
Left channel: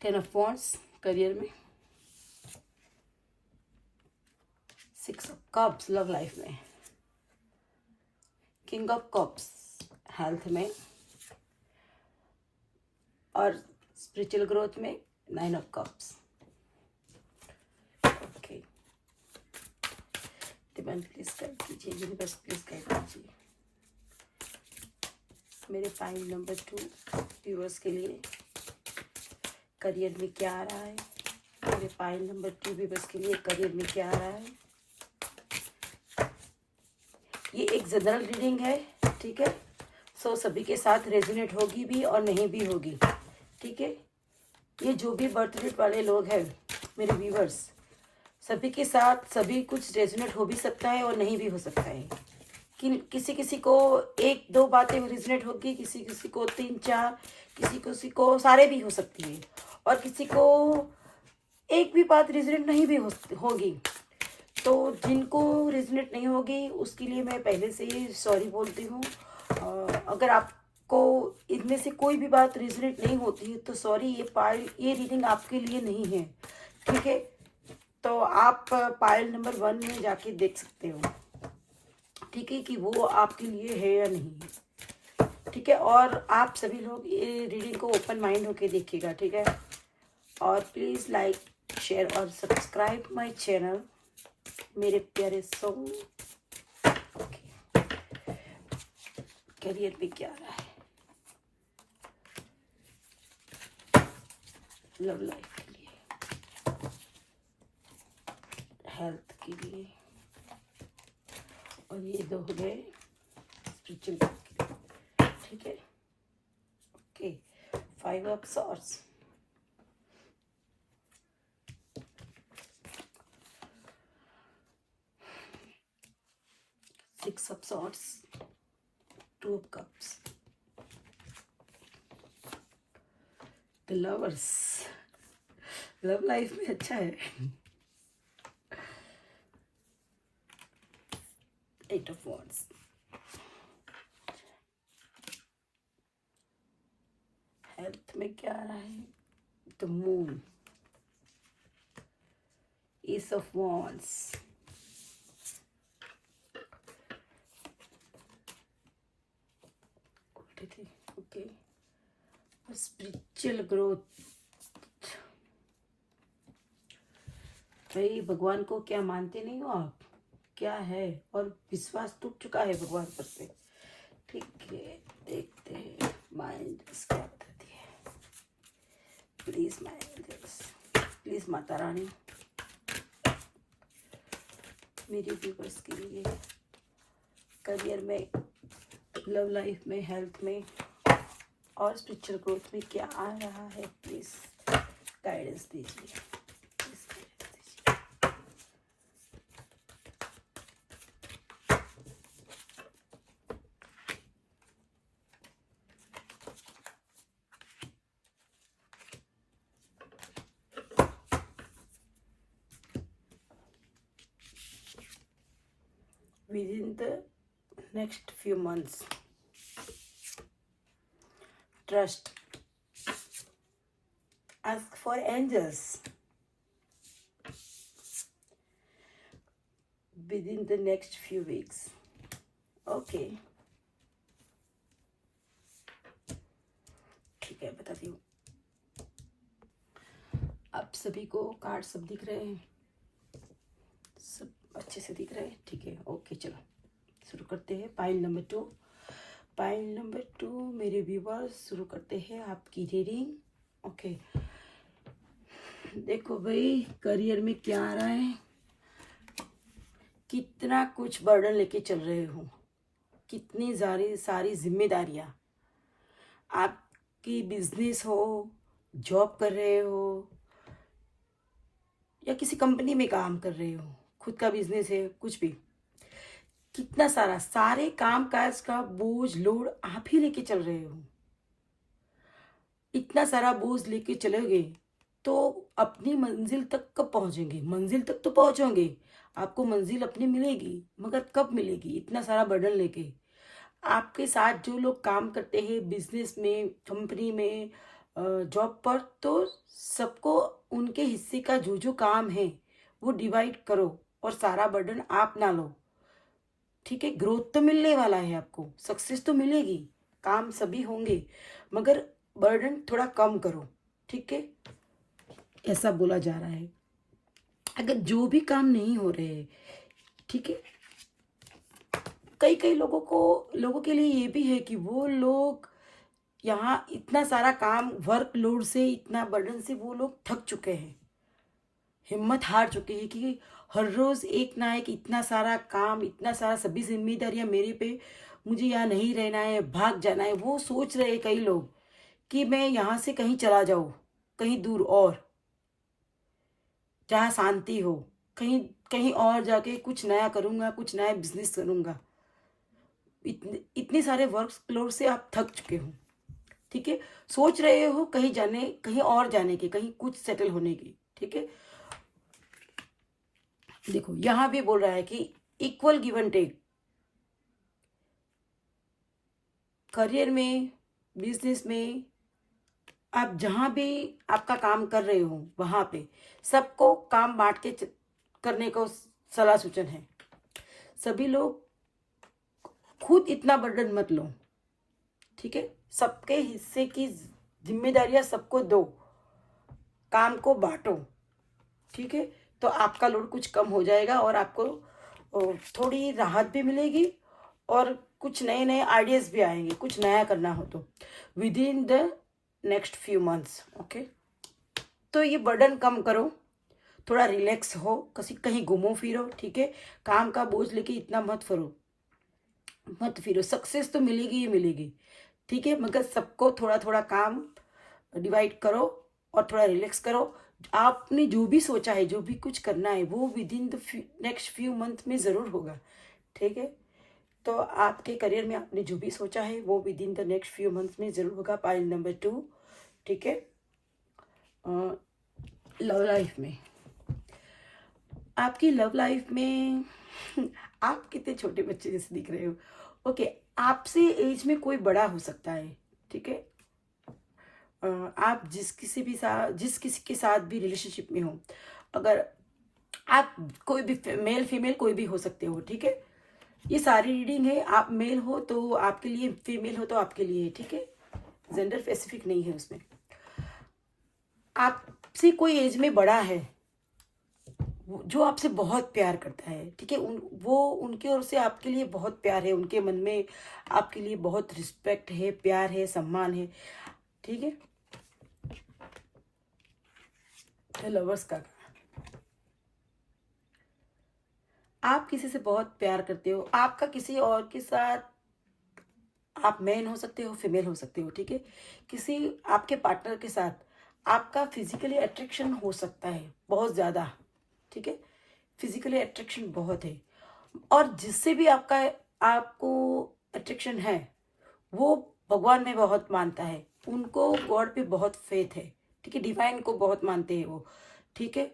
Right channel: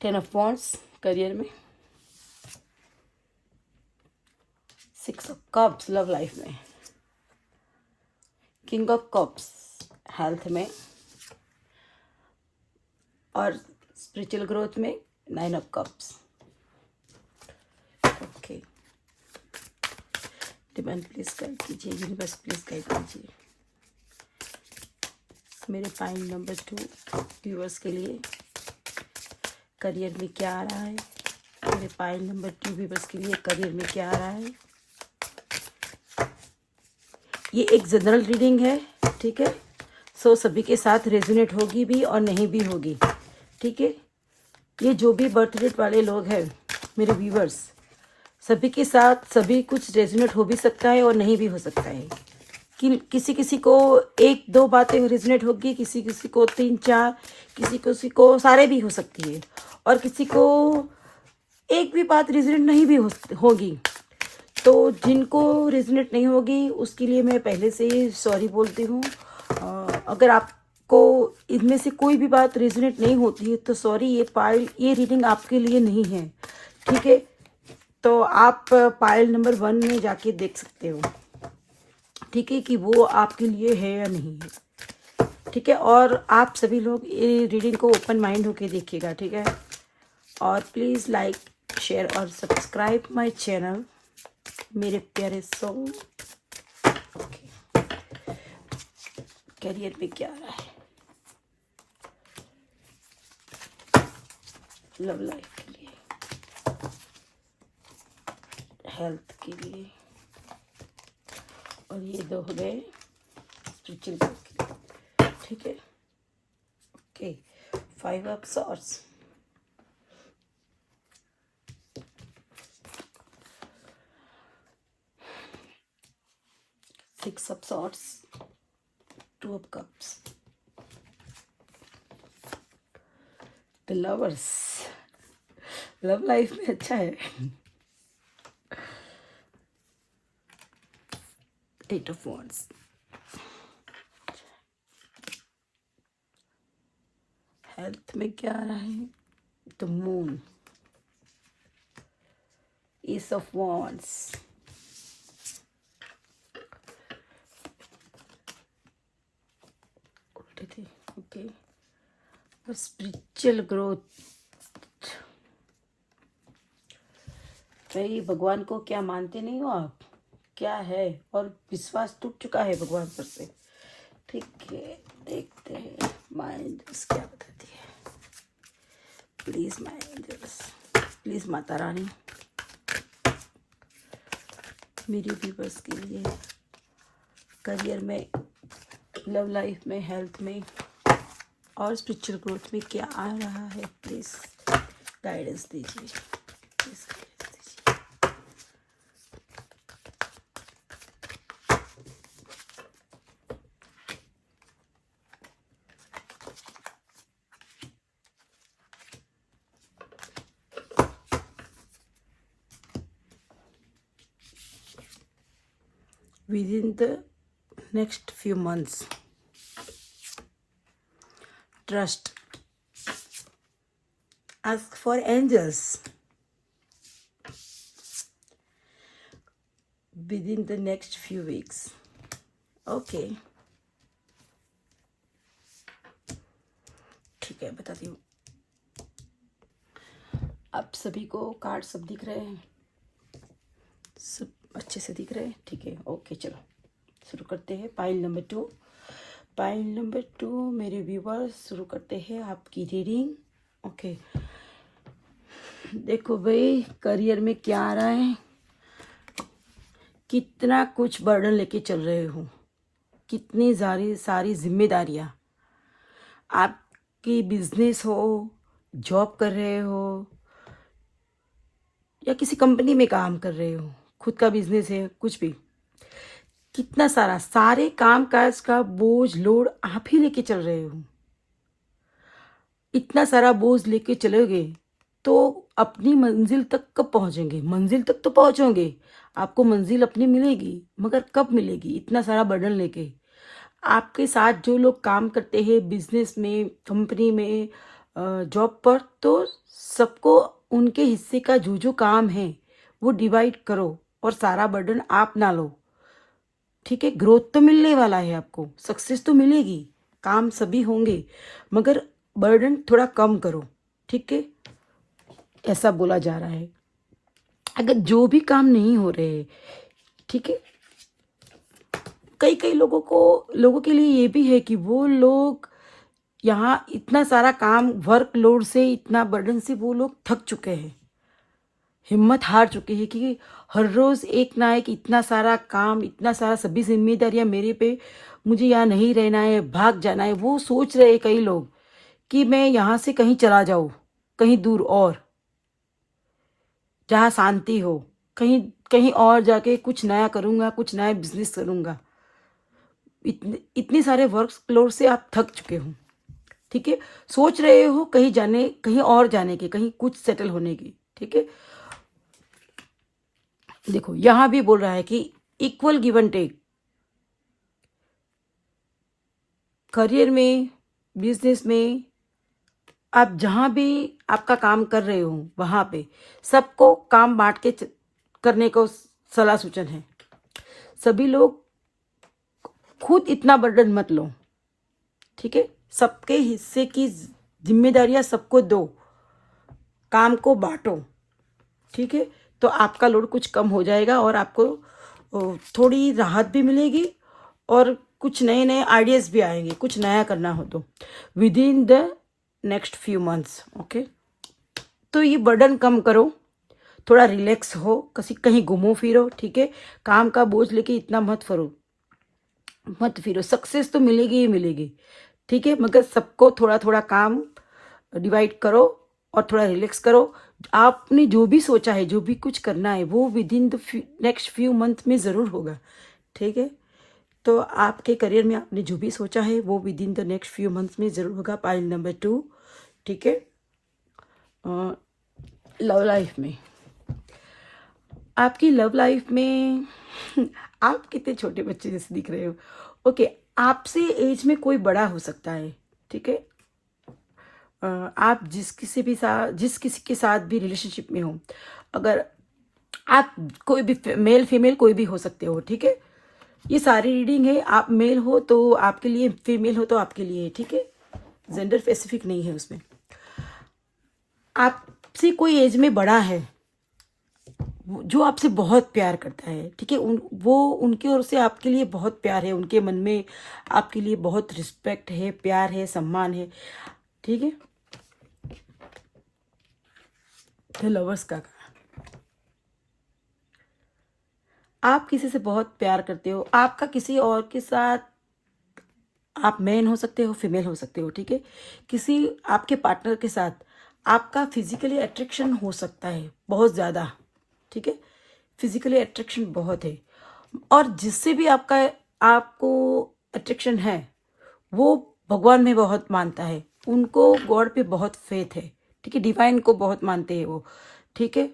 10 ऑफ वॉन्ड्स करियर में, 6 ऑफ कप्स लव लाइफ में, किंग ऑफ कप्स हेल्थ में और स्पिरिचुअल ग्रोथ में 9 of cups, okay. Divine please guide कीजिए, यूनिवर्स प्लीज गाइड कीजिए मेरे पाइल नंबर 2 व्यूअर्स के लिए। करियर में क्या आ रहा है, मेरे पाइल नंबर 2 व्यूअर्स के लिए करियर में क्या आ रहा है। ये एक जनरल रीडिंग है, ठीक है। सो सभी के साथ रेजोनेट होगी भी और नहीं भी होगी, ठीक है। ये जो भी बर्थ डेट वाले लोग हैं मेरे व्यूअर्स, सभी के साथ सभी कुछ रेजोनेट हो भी सकता है और नहीं भी हो सकता है। कि किसी किसी को 1-2 बातें रेजोनेट होगी, किसी किसी को 3-4, किसी किसी को सारे भी हो सकती है और किसी को एक भी बात रेजोनेट नहीं भी होगी। तो जिनको रेजोनेट नहीं होगी उसके लिए मैं पहले से ही सॉरी बोलती हूँ। अगर आपको इनमें से कोई भी बात रेजोनेट नहीं होती है तो सॉरी, ये रीडिंग आपके लिए नहीं है, ठीक है। तो आप पाइल नंबर 1 में जाके देख सकते हो, ठीक है, कि वो आपके लिए है या नहीं है, ठीक है। और आप सभी लोग ये रीडिंग को ओपन माइंड होके देखिएगा, ठीक है। और प्लीज़ लाइक शेयर और सब्सक्राइब माय चैनल मेरे प्यारे सोल। ओके, करियर में क्या आ रहा है, लव लाइफ के लिए, हेल्थ के लिए, और ये 2 हो गए स्पिरिचुअल ग्रोथ के लिए, ठीक है। Okay, 5 of swords, six of swords, 2 of cups, the lovers, love life में अच्छा है। 8 ऑफ wands, हेल्थ में क्या आ रहा है, the moon, S of wands, उल्टी थी, ओके। स्पिरिचुअल ग्रोथ, भाई भगवान को क्या मानते नहीं हो आप, क्या है, और विश्वास टूट चुका है भगवान पर से, ठीक है। देखते हैं माइंड क्या बताती है, please mind, please Mata Rani मेरी व्यूअर्स के लिए, करियर में, लव लाइफ में, हेल्थ में और स्पिरिचुअल ग्रोथ में क्या आ रहा है, प्लीज गाइडेंस दीजिए, प्लीज गाइडेंस दीजिए। Within the next few months, trust, ask for angels. Within the next few weeks, okay, ठीक है, बताती हूँ। आप सभी को कार्ड सब दिख रहे हैं, सब अच्छे से दिख रहे हैं, ठीक है, ओके। चलो शुरू करते हैं। पाइल नंबर 2, पाइल नंबर 2 मेरे व्यूवर्स, शुरू करते हैं आपकी रीडिंग, ओके। देखो भाई, करियर में क्या आ रहा है, कितना कुछ बर्डन लेके चल रहे हो, कितनी सारी जिम्मेदारियां, आपकी बिजनेस हो, जॉब कर रहे हो या किसी कंपनी में काम कर रहे हो, खुद का बिजनेस है, कुछ भी, कितना सारे काम काज का बोझ लोड आप ही लेके चल रहे हो। इतना सारा बोझ लेके चलोगे तो अपनी मंजिल तक कब पहुंचेंगे, मंजिल तक तो पहुंचोगे, आपको मंजिल अपनी मिलेगी, मगर कब मिलेगी इतना सारा बर्डन लेके। आपके साथ जो लोग काम करते हैं बिजनेस में, कंपनी में, जॉब पर, तो सबको उनके हिस्से का जो काम है वो डिवाइड करो और सारा बर्डन आप ना लो, ठीक है। ग्रोथ तो मिलने वाला है, आपको सक्सेस तो मिलेगी, काम सभी होंगे, मगर बर्डन थोड़ा कम करो, ठीक है, ऐसा बोला जा रहा है। अगर जो भी काम नहीं हो रहे, ठीक है, कई लोगों के लिए ये भी है कि वो लोग यहाँ इतना सारा काम, वर्कलोड से, इतना बर्डन से वो लोग थक चुके हैं, हिम्मत हार चुके हैं कि हर रोज एक ना एक इतना सारा काम, इतना सारा सभी जिम्मेदारियां मेरे पे, मुझे यहाँ नहीं रहना है, भाग जाना है। वो सोच रहे हैं कई लोग कि मैं यहाँ से कहीं चला जाऊं, कहीं दूर, और जहाँ शांति हो, कहीं और जाके कुछ नया करूंगा, कुछ नया बिजनेस करूंगा। इतने सारे वर्कलोड से आप थक चुके हो, ठीक है, सोच रहे हो कहीं और जाने की, कहीं कुछ सेटल होने की, ठीक है। देखो यहां भी बोल रहा है कि equal give and take, career में, बिजनेस में, आप जहां भी आपका काम कर रहे हो वहां पे सबको काम बांट के करने को सलाह सूचन है। सभी लोग खुद इतना बर्डन मत लो, ठीक है, सबके हिस्से की जिम्मेदारियां सबको दो, काम को बांटो, ठीक है, तो आपका लोड कुछ कम हो जाएगा और आपको थोड़ी राहत भी मिलेगी और कुछ नए नए आइडियाज भी आएंगे, कुछ नया करना हो तो with in the next few months, okay. तो ये बर्डन कम करो, थोड़ा रिलैक्स हो, कहीं घूमो फिरो, ठीक है, काम का बोझ लेके इतना मत करो, मत फिरो, सक्सेस तो मिलेगी ही मिलेगी, ठीक है, मगर सबको थोड़ा थोड़ा काम डिवाइड करो और थोड़ा रिलैक्स करो। आपने जो भी सोचा है, जो भी कुछ करना है, वो with in the next few month में ज़रूर होगा, ठीक है। तो आपके करियर में आपने जो भी सोचा है वो with in the next few months में ज़रूर होगा। पाइल नंबर 2, ठीक है। लव लाइफ में, आपकी लव लाइफ में आप कितने छोटे बच्चे जैसे दिख रहे हो। ओके, आपसे एज में कोई बड़ा हो सकता है, ठीक है। आप जिस किसी के साथ भी रिलेशनशिप में हो, अगर आप कोई भी मेल फीमेल कोई भी हो सकते हो, ठीक है। ये सारी रीडिंग है, आप मेल हो तो आपके लिए, फीमेल हो तो आपके लिए, ठीक है। जेंडर स्पेसिफिक नहीं है उसमें। आपसे कोई एज में बड़ा है जो आपसे बहुत प्यार करता है, ठीक है। वो उनकी ओर से आपके लिए बहुत प्यार है, उनके मन में आपके लिए बहुत रिस्पेक्ट है, प्यार है, सम्मान है, ठीक है। लवर्स का, आप किसी से बहुत प्यार करते हो, आपका किसी और के साथ, आप मैन हो सकते हो, फीमेल हो सकते हो, ठीक है। किसी आपके पार्टनर के साथ आपका फिजिकली अट्रैक्शन हो सकता है बहुत ज़्यादा, ठीक है। फिजिकली अट्रैक्शन बहुत है, और जिससे भी आपको अट्रैक्शन है वो भगवान में बहुत मानता है, उनको गॉड पे बहुत फेथ है, ठीक है। डिवाइन को बहुत मानते हैं वो, ठीक है।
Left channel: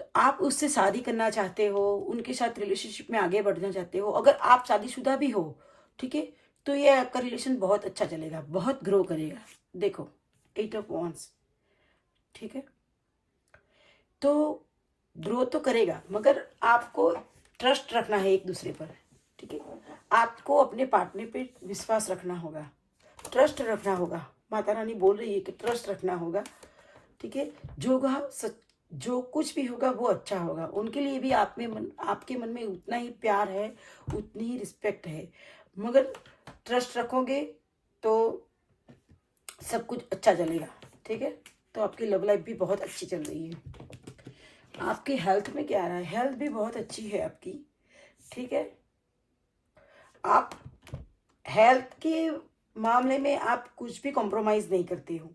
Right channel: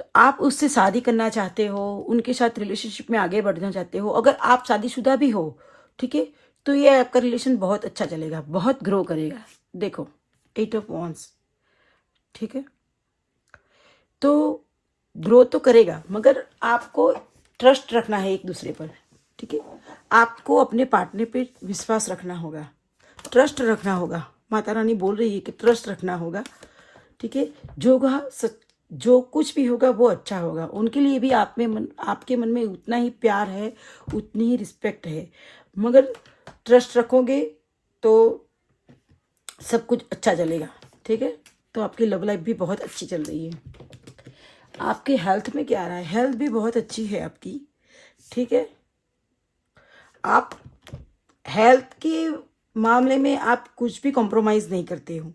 तो आप उससे शादी करना चाहते हो, उनके साथ रिलेशनशिप में आगे बढ़ना चाहते हो, अगर आप शादीशुदा भी हो, ठीक है, तो ये आपका रिलेशन बहुत अच्छा चलेगा, बहुत ग्रो करेगा। देखो 8 ऑफ वॉन्ड्स, ठीक है। तो ग्रो तो करेगा, मगर आपको ट्रस्ट रखना है एक दूसरे पर, ठीक है। आपको अपने पार्टनर पे विश्वास रखना होगा, ट्रस्ट रखना होगा। माता रानी बोल रही है कि ट्रस्ट रखना होगा, ठीक है। जो कुछ भी होगा वो अच्छा होगा, उनके लिए भी आपके मन में उतना ही प्यार है, उतनी ही रिस्पेक्ट है, मगर ट्रस्ट रखोगे तो सब कुछ अच्छा चलेगा, ठीक है। तो आपकी लव लाइफ भी बहुत अच्छी चल रही है। आपके हेल्थ में क्या रहा है, हेल्थ भी बहुत अच्छी है आपकी, ठीक है। आप हेल्थ के मामले में आप कुछ भी कॉम्प्रोमाइज़ नहीं करते हो।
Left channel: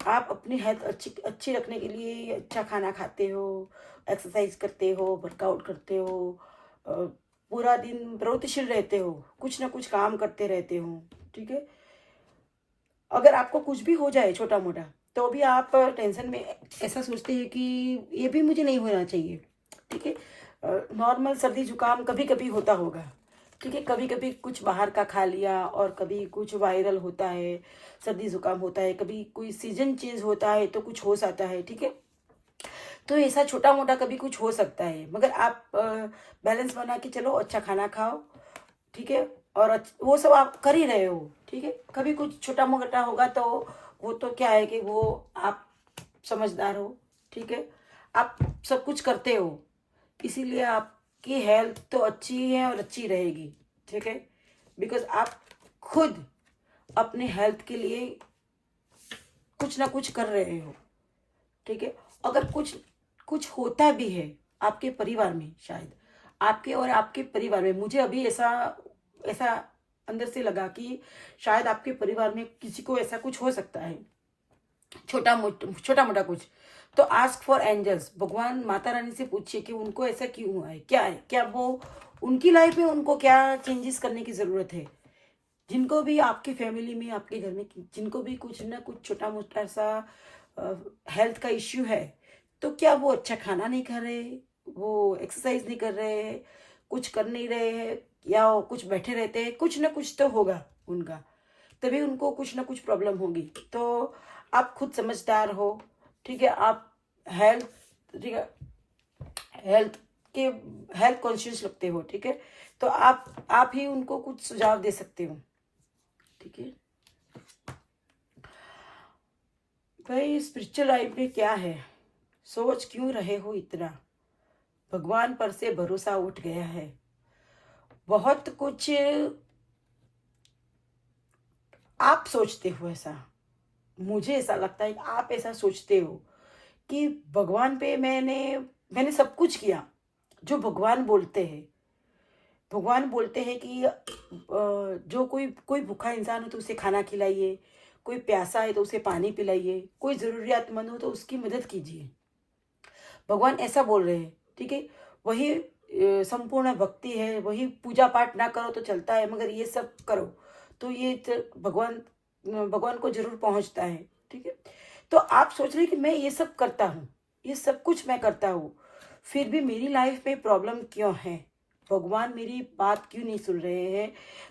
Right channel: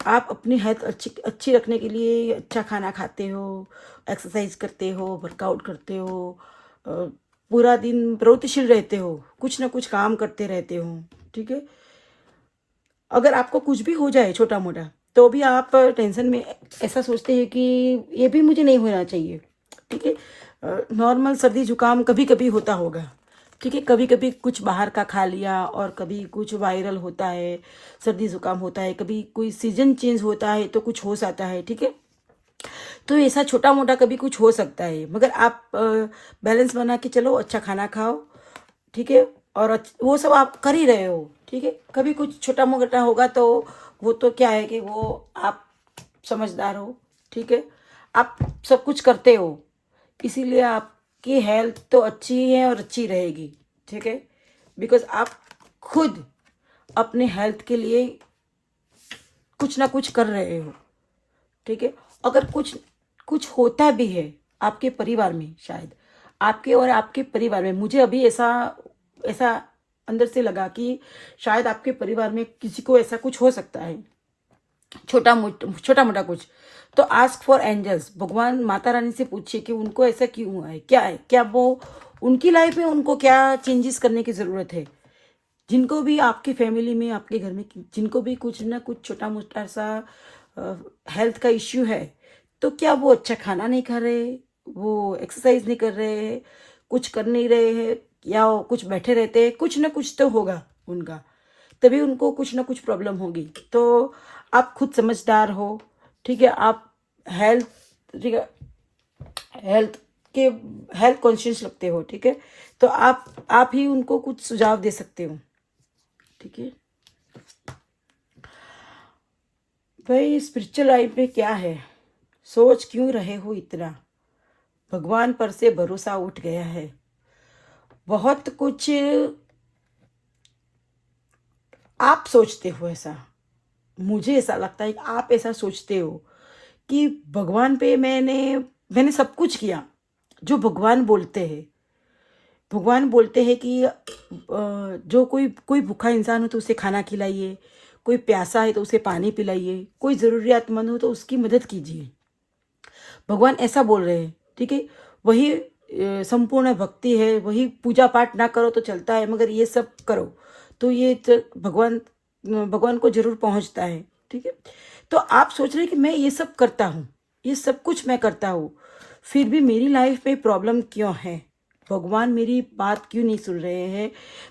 आप अपनी हेल्थ अच्छी रखने के लिए अच्छा खाना खाते हो, एक्सरसाइज करते हो, वर्कआउट करते हो, पूरा दिन प्रगतिशील रहते हो, कुछ ना कुछ काम करते रहते हो, ठीक है। अगर आपको कुछ भी हो जाए छोटा मोटा, तो भी आप टेंशन में ऐसा सोचते हैं कि ये भी मुझे नहीं होना चाहिए, ठीक है। नॉर्मल सर्दी जुकाम कभी कभी होता होगा, ठीक है। कभी कभी कुछ बाहर का खा लिया, और कभी कुछ वायरल होता है, सर्दी जुकाम होता है, कभी कोई सीजन चेंज होता है तो कुछ हो जाता है, ठीक है। तो ऐसा छोटा मोटा कभी कुछ हो सकता है, मगर आप बैलेंस बना के चलो, अच्छा खाना खाओ, ठीक है। और वो सब आप कर ही रहे हो, ठीक है। कभी कुछ छोटा मोटा होगा तो वो तो क्या है कि वो आप समझदार हो, ठीक है। आप सब कुछ करते हो, इसीलिए आपकी हेल्थ तो अच्छी है और अच्छी रहेगी, ठीक है। बिकॉज आप खुद अपने हेल्थ के लिए कुछ ना कुछ कर रहे हो, ठीक है। अगर कुछ कुछ होता भी है आपके परिवार में, शायद आपके और आपके परिवार में, मुझे अभी ऐसा ऐसा अंदर से लगा कि शायद आपके परिवार में किसी को ऐसा कुछ हो सकता है, छोटा मोटा कुछ। तो आस्क फॉर एंजल्स, भगवान माता रानी से पूछिए कि उनको ऐसा क्यों हुआ है, क्या है, क्या वो उनकी लाइफ में उनको क्या चेंजेस करने की ज़रूरत है। जिनको भी आपकी फैमिली में, आपके घर में जिनको भी कुछ ना कुछ छोटा मोटा सा हेल्थ का इश्यू है, तो क्या वो अच्छा खाना नहीं खा रहे, वो एक्सरसाइज नहीं कर रहे, कुछ कर नहीं रहे हैं, या वो कुछ बैठे रहते हैं, कुछ ना कुछ तो होगा उनका, तभी उनको कुछ ना कुछ प्रॉब्लम होगी। तो आप खुद समझदार हो, ठीक है। आप हेल्थ, ठीक है, हेल्थ के हेल्थ कॉन्शियस लगते हो, ठीक है। तो आप ही उनको कुछ सुझाव दे सकते हो, ठीक है। भाई स्पिरिचुअल लाइफ में क्या है, सोच क्यों रहे हो इतना, भगवान पर से भरोसा उठ गया है, बहुत कुछ आप सोचते हो ऐसा, मुझे ऐसा लगता है कि आप ऐसा सोचते हो कि भगवान पे मैंने सब कुछ किया जो भगवान बोलते हैं, भगवान बोलते हैं कि जो कोई भूखा इंसान हो तो उसे खाना खिलाइए, कोई प्यासा है तो उसे पानी पिलाइए, कोई ज़रूरियातमंद हो तो उसकी मदद कीजिए। भगवान ऐसा बोल रहे हैं, ठीक है। वही संपूर्ण भक्ति है, वही पूजा पाठ ना करो तो चलता है, मगर ये सब करो तो ये भगवान को जरूर पहुंचता है, ठीक है। तो आप सोच रहे हैं कि मैं ये सब करता हूँ, ये सब कुछ मैं करता हूँ, फिर भी मेरी लाइफ में प्रॉब्लम क्यों है? भगवान मेरी बात क्यों नहीं सुन रहे हैं?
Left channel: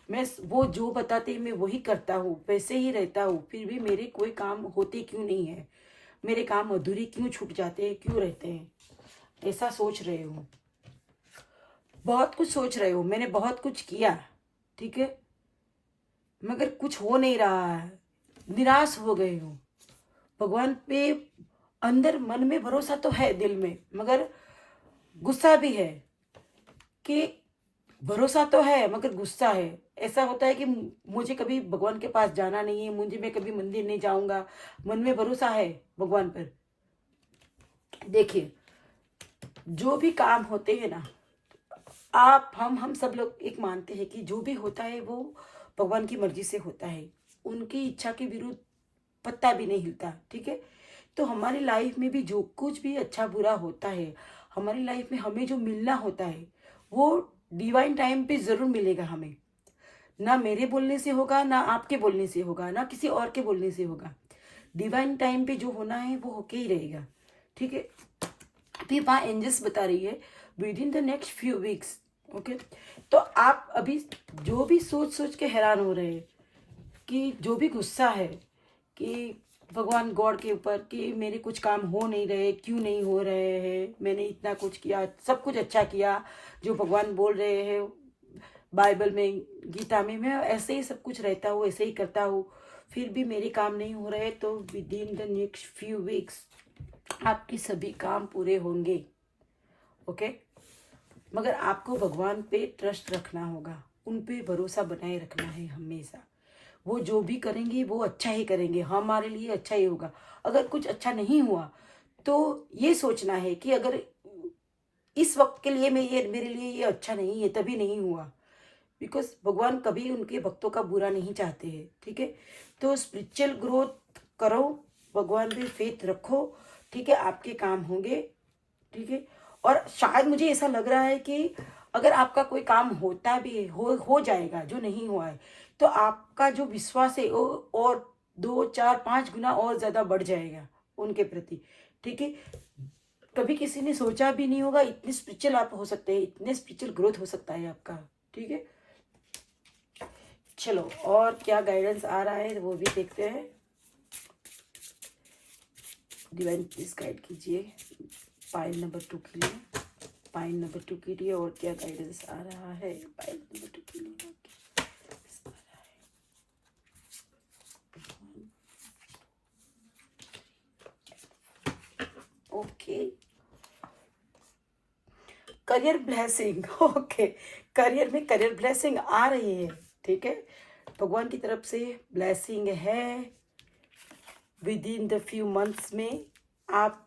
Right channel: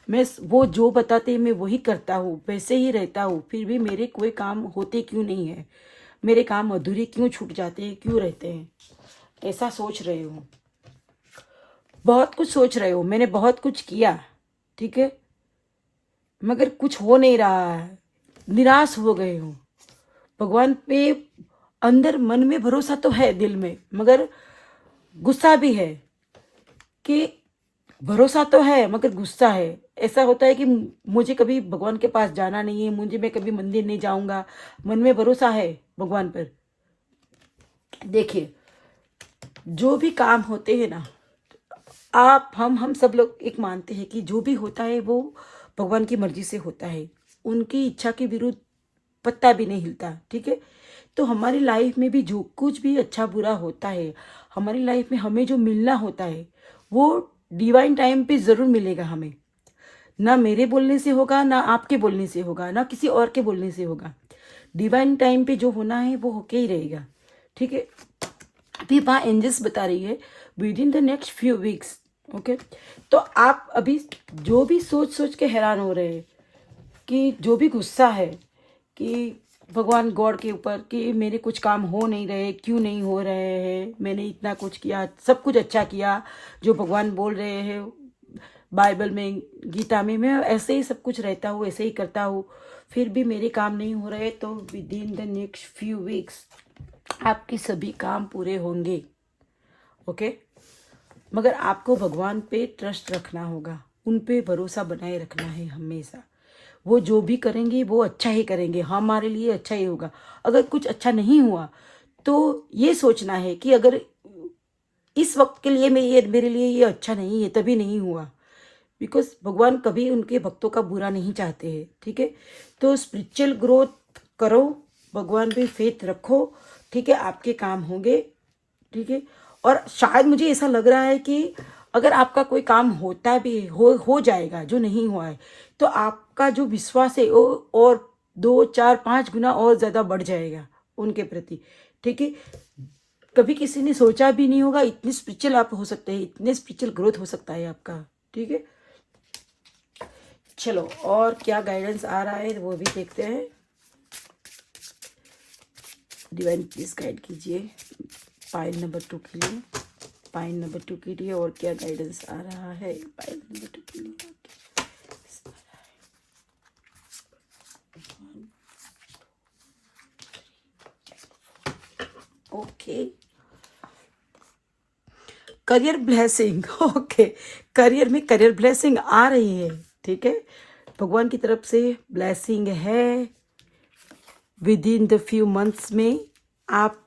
मैं वो जो बताते हैं मैं वही करता हूँ, वैसे ही रहता हूँ, फिर भी मेरे कोई काम होते क्यों नहीं है? मेरे काम अधूरे क्यों छूट जाते हैं, क्यों रहते हैं? ऐसा सोच रहे हो, बहुत कुछ सोच रहे हो। मैंने बहुत कुछ किया, ठीक है, मगर कुछ हो नहीं रहा है, निराश हो गए हो। भगवान पे अंदर मन में भरोसा तो है, दिल में, मगर गुस्सा भी है कि भरोसा तो है मगर गुस्सा है। ऐसा होता है कि मुझे कभी भगवान के पास जाना नहीं है, मैं कभी मंदिर नहीं जाऊंगा। मन में भरोसा है भगवान पर। देखिए, जो भी काम होते हैं ना, आप हम सब लोग एक मानते हैं कि जो भी होता है वो भगवान की मर्जी से होता है, उनकी इच्छा के विरुद्ध पत्ता भी नहीं हिलता, ठीक है। तो हमारी लाइफ में भी जो कुछ भी अच्छा बुरा होता है, हमारी लाइफ में हमें जो मिलना होता है वो डिवाइन टाइम पे जरूर मिलेगा हमें। ना मेरे बोलने से होगा, ना आपके बोलने से होगा, ना किसी और के बोलने से होगा। डिवाइन टाइम पे जो होना है वो होके ही रहेगा, ठीक है। अभी वहाँ एंजल्स बता रही है with in the next few weeks, okay. तो आप अभी जो भी सोच सोच के हैरान हो रहे हैं, कि जो भी गुस्सा है कि भगवान गॉड के ऊपर कि मेरे कुछ काम हो नहीं रहे, क्यों नहीं हो रहे हैं, मैंने इतना कुछ किया, सब कुछ अच्छा किया जो भगवान बोल रहे हैं बाइबल में, गीता में, मैं ऐसे ही सब कुछ रहता हूँ, ऐसे ही करता हूँ, फिर भी मेरे काम नहीं हो रहे। तो with in the next few weeks आपके सभी काम पूरे होंगे, ओके। मगर आपको भगवान पे ट्रस्ट रखना होगा, उन पे भरोसा बनाए रखना है हमेशा। वो जो भी करेंगे वो अच्छा ही करेंगे, हमारे लिए अच्छा ही होगा। अगर कुछ अच्छा नहीं हुआ तो ये सोचना है कि अगर इस वक्त के लिए मेरे लिए ये अच्छा नहीं है, तभी नहीं हुआ, बिकॉज भगवान कभी उनके भक्तों का बुरा नहीं चाहते हैं, ठीक है। तो स्पिरिचुअल ग्रोथ करो, भगवान पे फेथ रखो, ठीक है, आपके काम होंगे, ठीक है। और शायद मुझे ऐसा लग रहा है कि अगर आपका कोई काम होता भी हो जाएगा जो नहीं हुआ है, तो आपका जो विश्वास है वो और 2 4 5 गुना और ज्यादा बढ़ जाएगा उनके प्रति, ठीक है। कभी किसी ने सोचा भी नहीं होगा इतने स्पिरिचुअल आप हो सकते हैं, इतने स्पिरिचुअल ग्रोथ हो सकता है आपका, ठीक है। चलो, और क्या गाइडेंस आ रहा है वो भी देखते हैं। डिवाइन प्लीज गाइड कीजिए पाइल नंबर 2 के लिए, पाइल नंबर 2 के लिए और क्या गाइडेंस आ रहा है पाइल नंबर 2 के लिए। Okay, career blessing, okay, career में करियर ब्लेसिंग आ रही है, ठीक है। भगवान की तरफ से ब्लेसिंग है। With in the few months में आप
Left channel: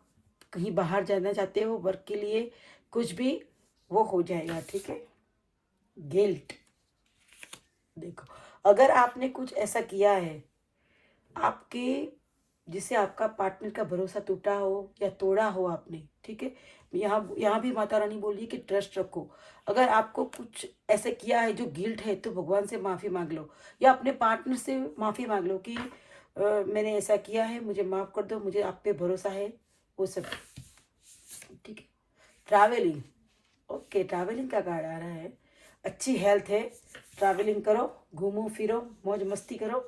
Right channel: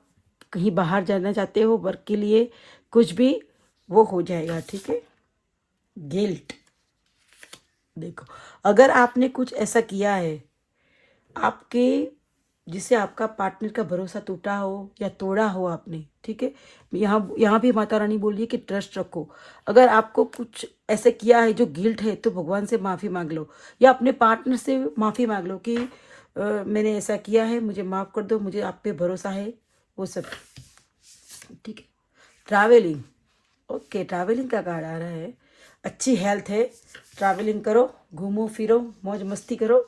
कहीं बाहर जाना चाहते हो वर्क के लिए, कुछ भी वो हो जाएगा, ठीक है। गिल्ट, देखो, अगर आपने कुछ ऐसा किया है आपके जिससे आपका पार्टनर का भरोसा टूटा हो या तोड़ा हो आपने, ठीक है, यहाँ भी माता रानी बोल रही है कि ट्रस्ट रखो। अगर आपको कुछ ऐसे किया है जो गिल्ट है तो भगवान से माफ़ी मांग लो, या अपने पार्टनर से माफ़ी मांग लो कि मैंने ऐसा किया है, मुझे माफ़ कर दो, मुझे आप पे भरोसा है, वो सब, ठीक है। ट्रैवलिंग, ओके, ट्रैवलिंग का कार्ड आ रहा है। अच्छी हेल्थ है, ट्रैवलिंग करो, घूमो फिरो, मौज मस्ती करो,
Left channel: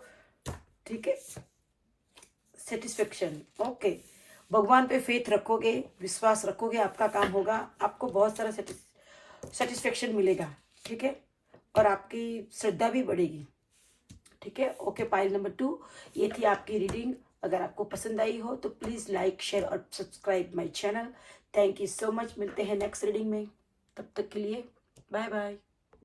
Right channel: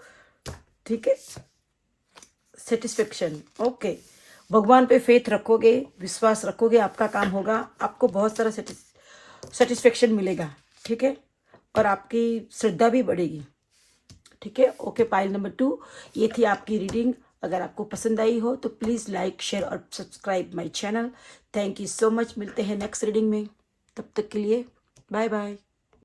ठीक है। सेटिस्फेक्शन, ओके, भगवान पे फेथ रखोगे, विश्वास रखोगे, आपका काम होगा, आपको बहुत सारा सेटिस्फेक्शन मिलेगा, ठीक है। और आपकी श्रद्धा भी बढ़ेगी, ठीक है। ओके, पाइल नंबर 2 ये थी आपकी रीडिंग। अगर आपको पसंद आई हो तो प्लीज़ लाइक शेयर और subscribe my channel. Thank you so much, मिलते हैं नेक्स्ट रीडिंग में, तब तक के लिए बाय बाय।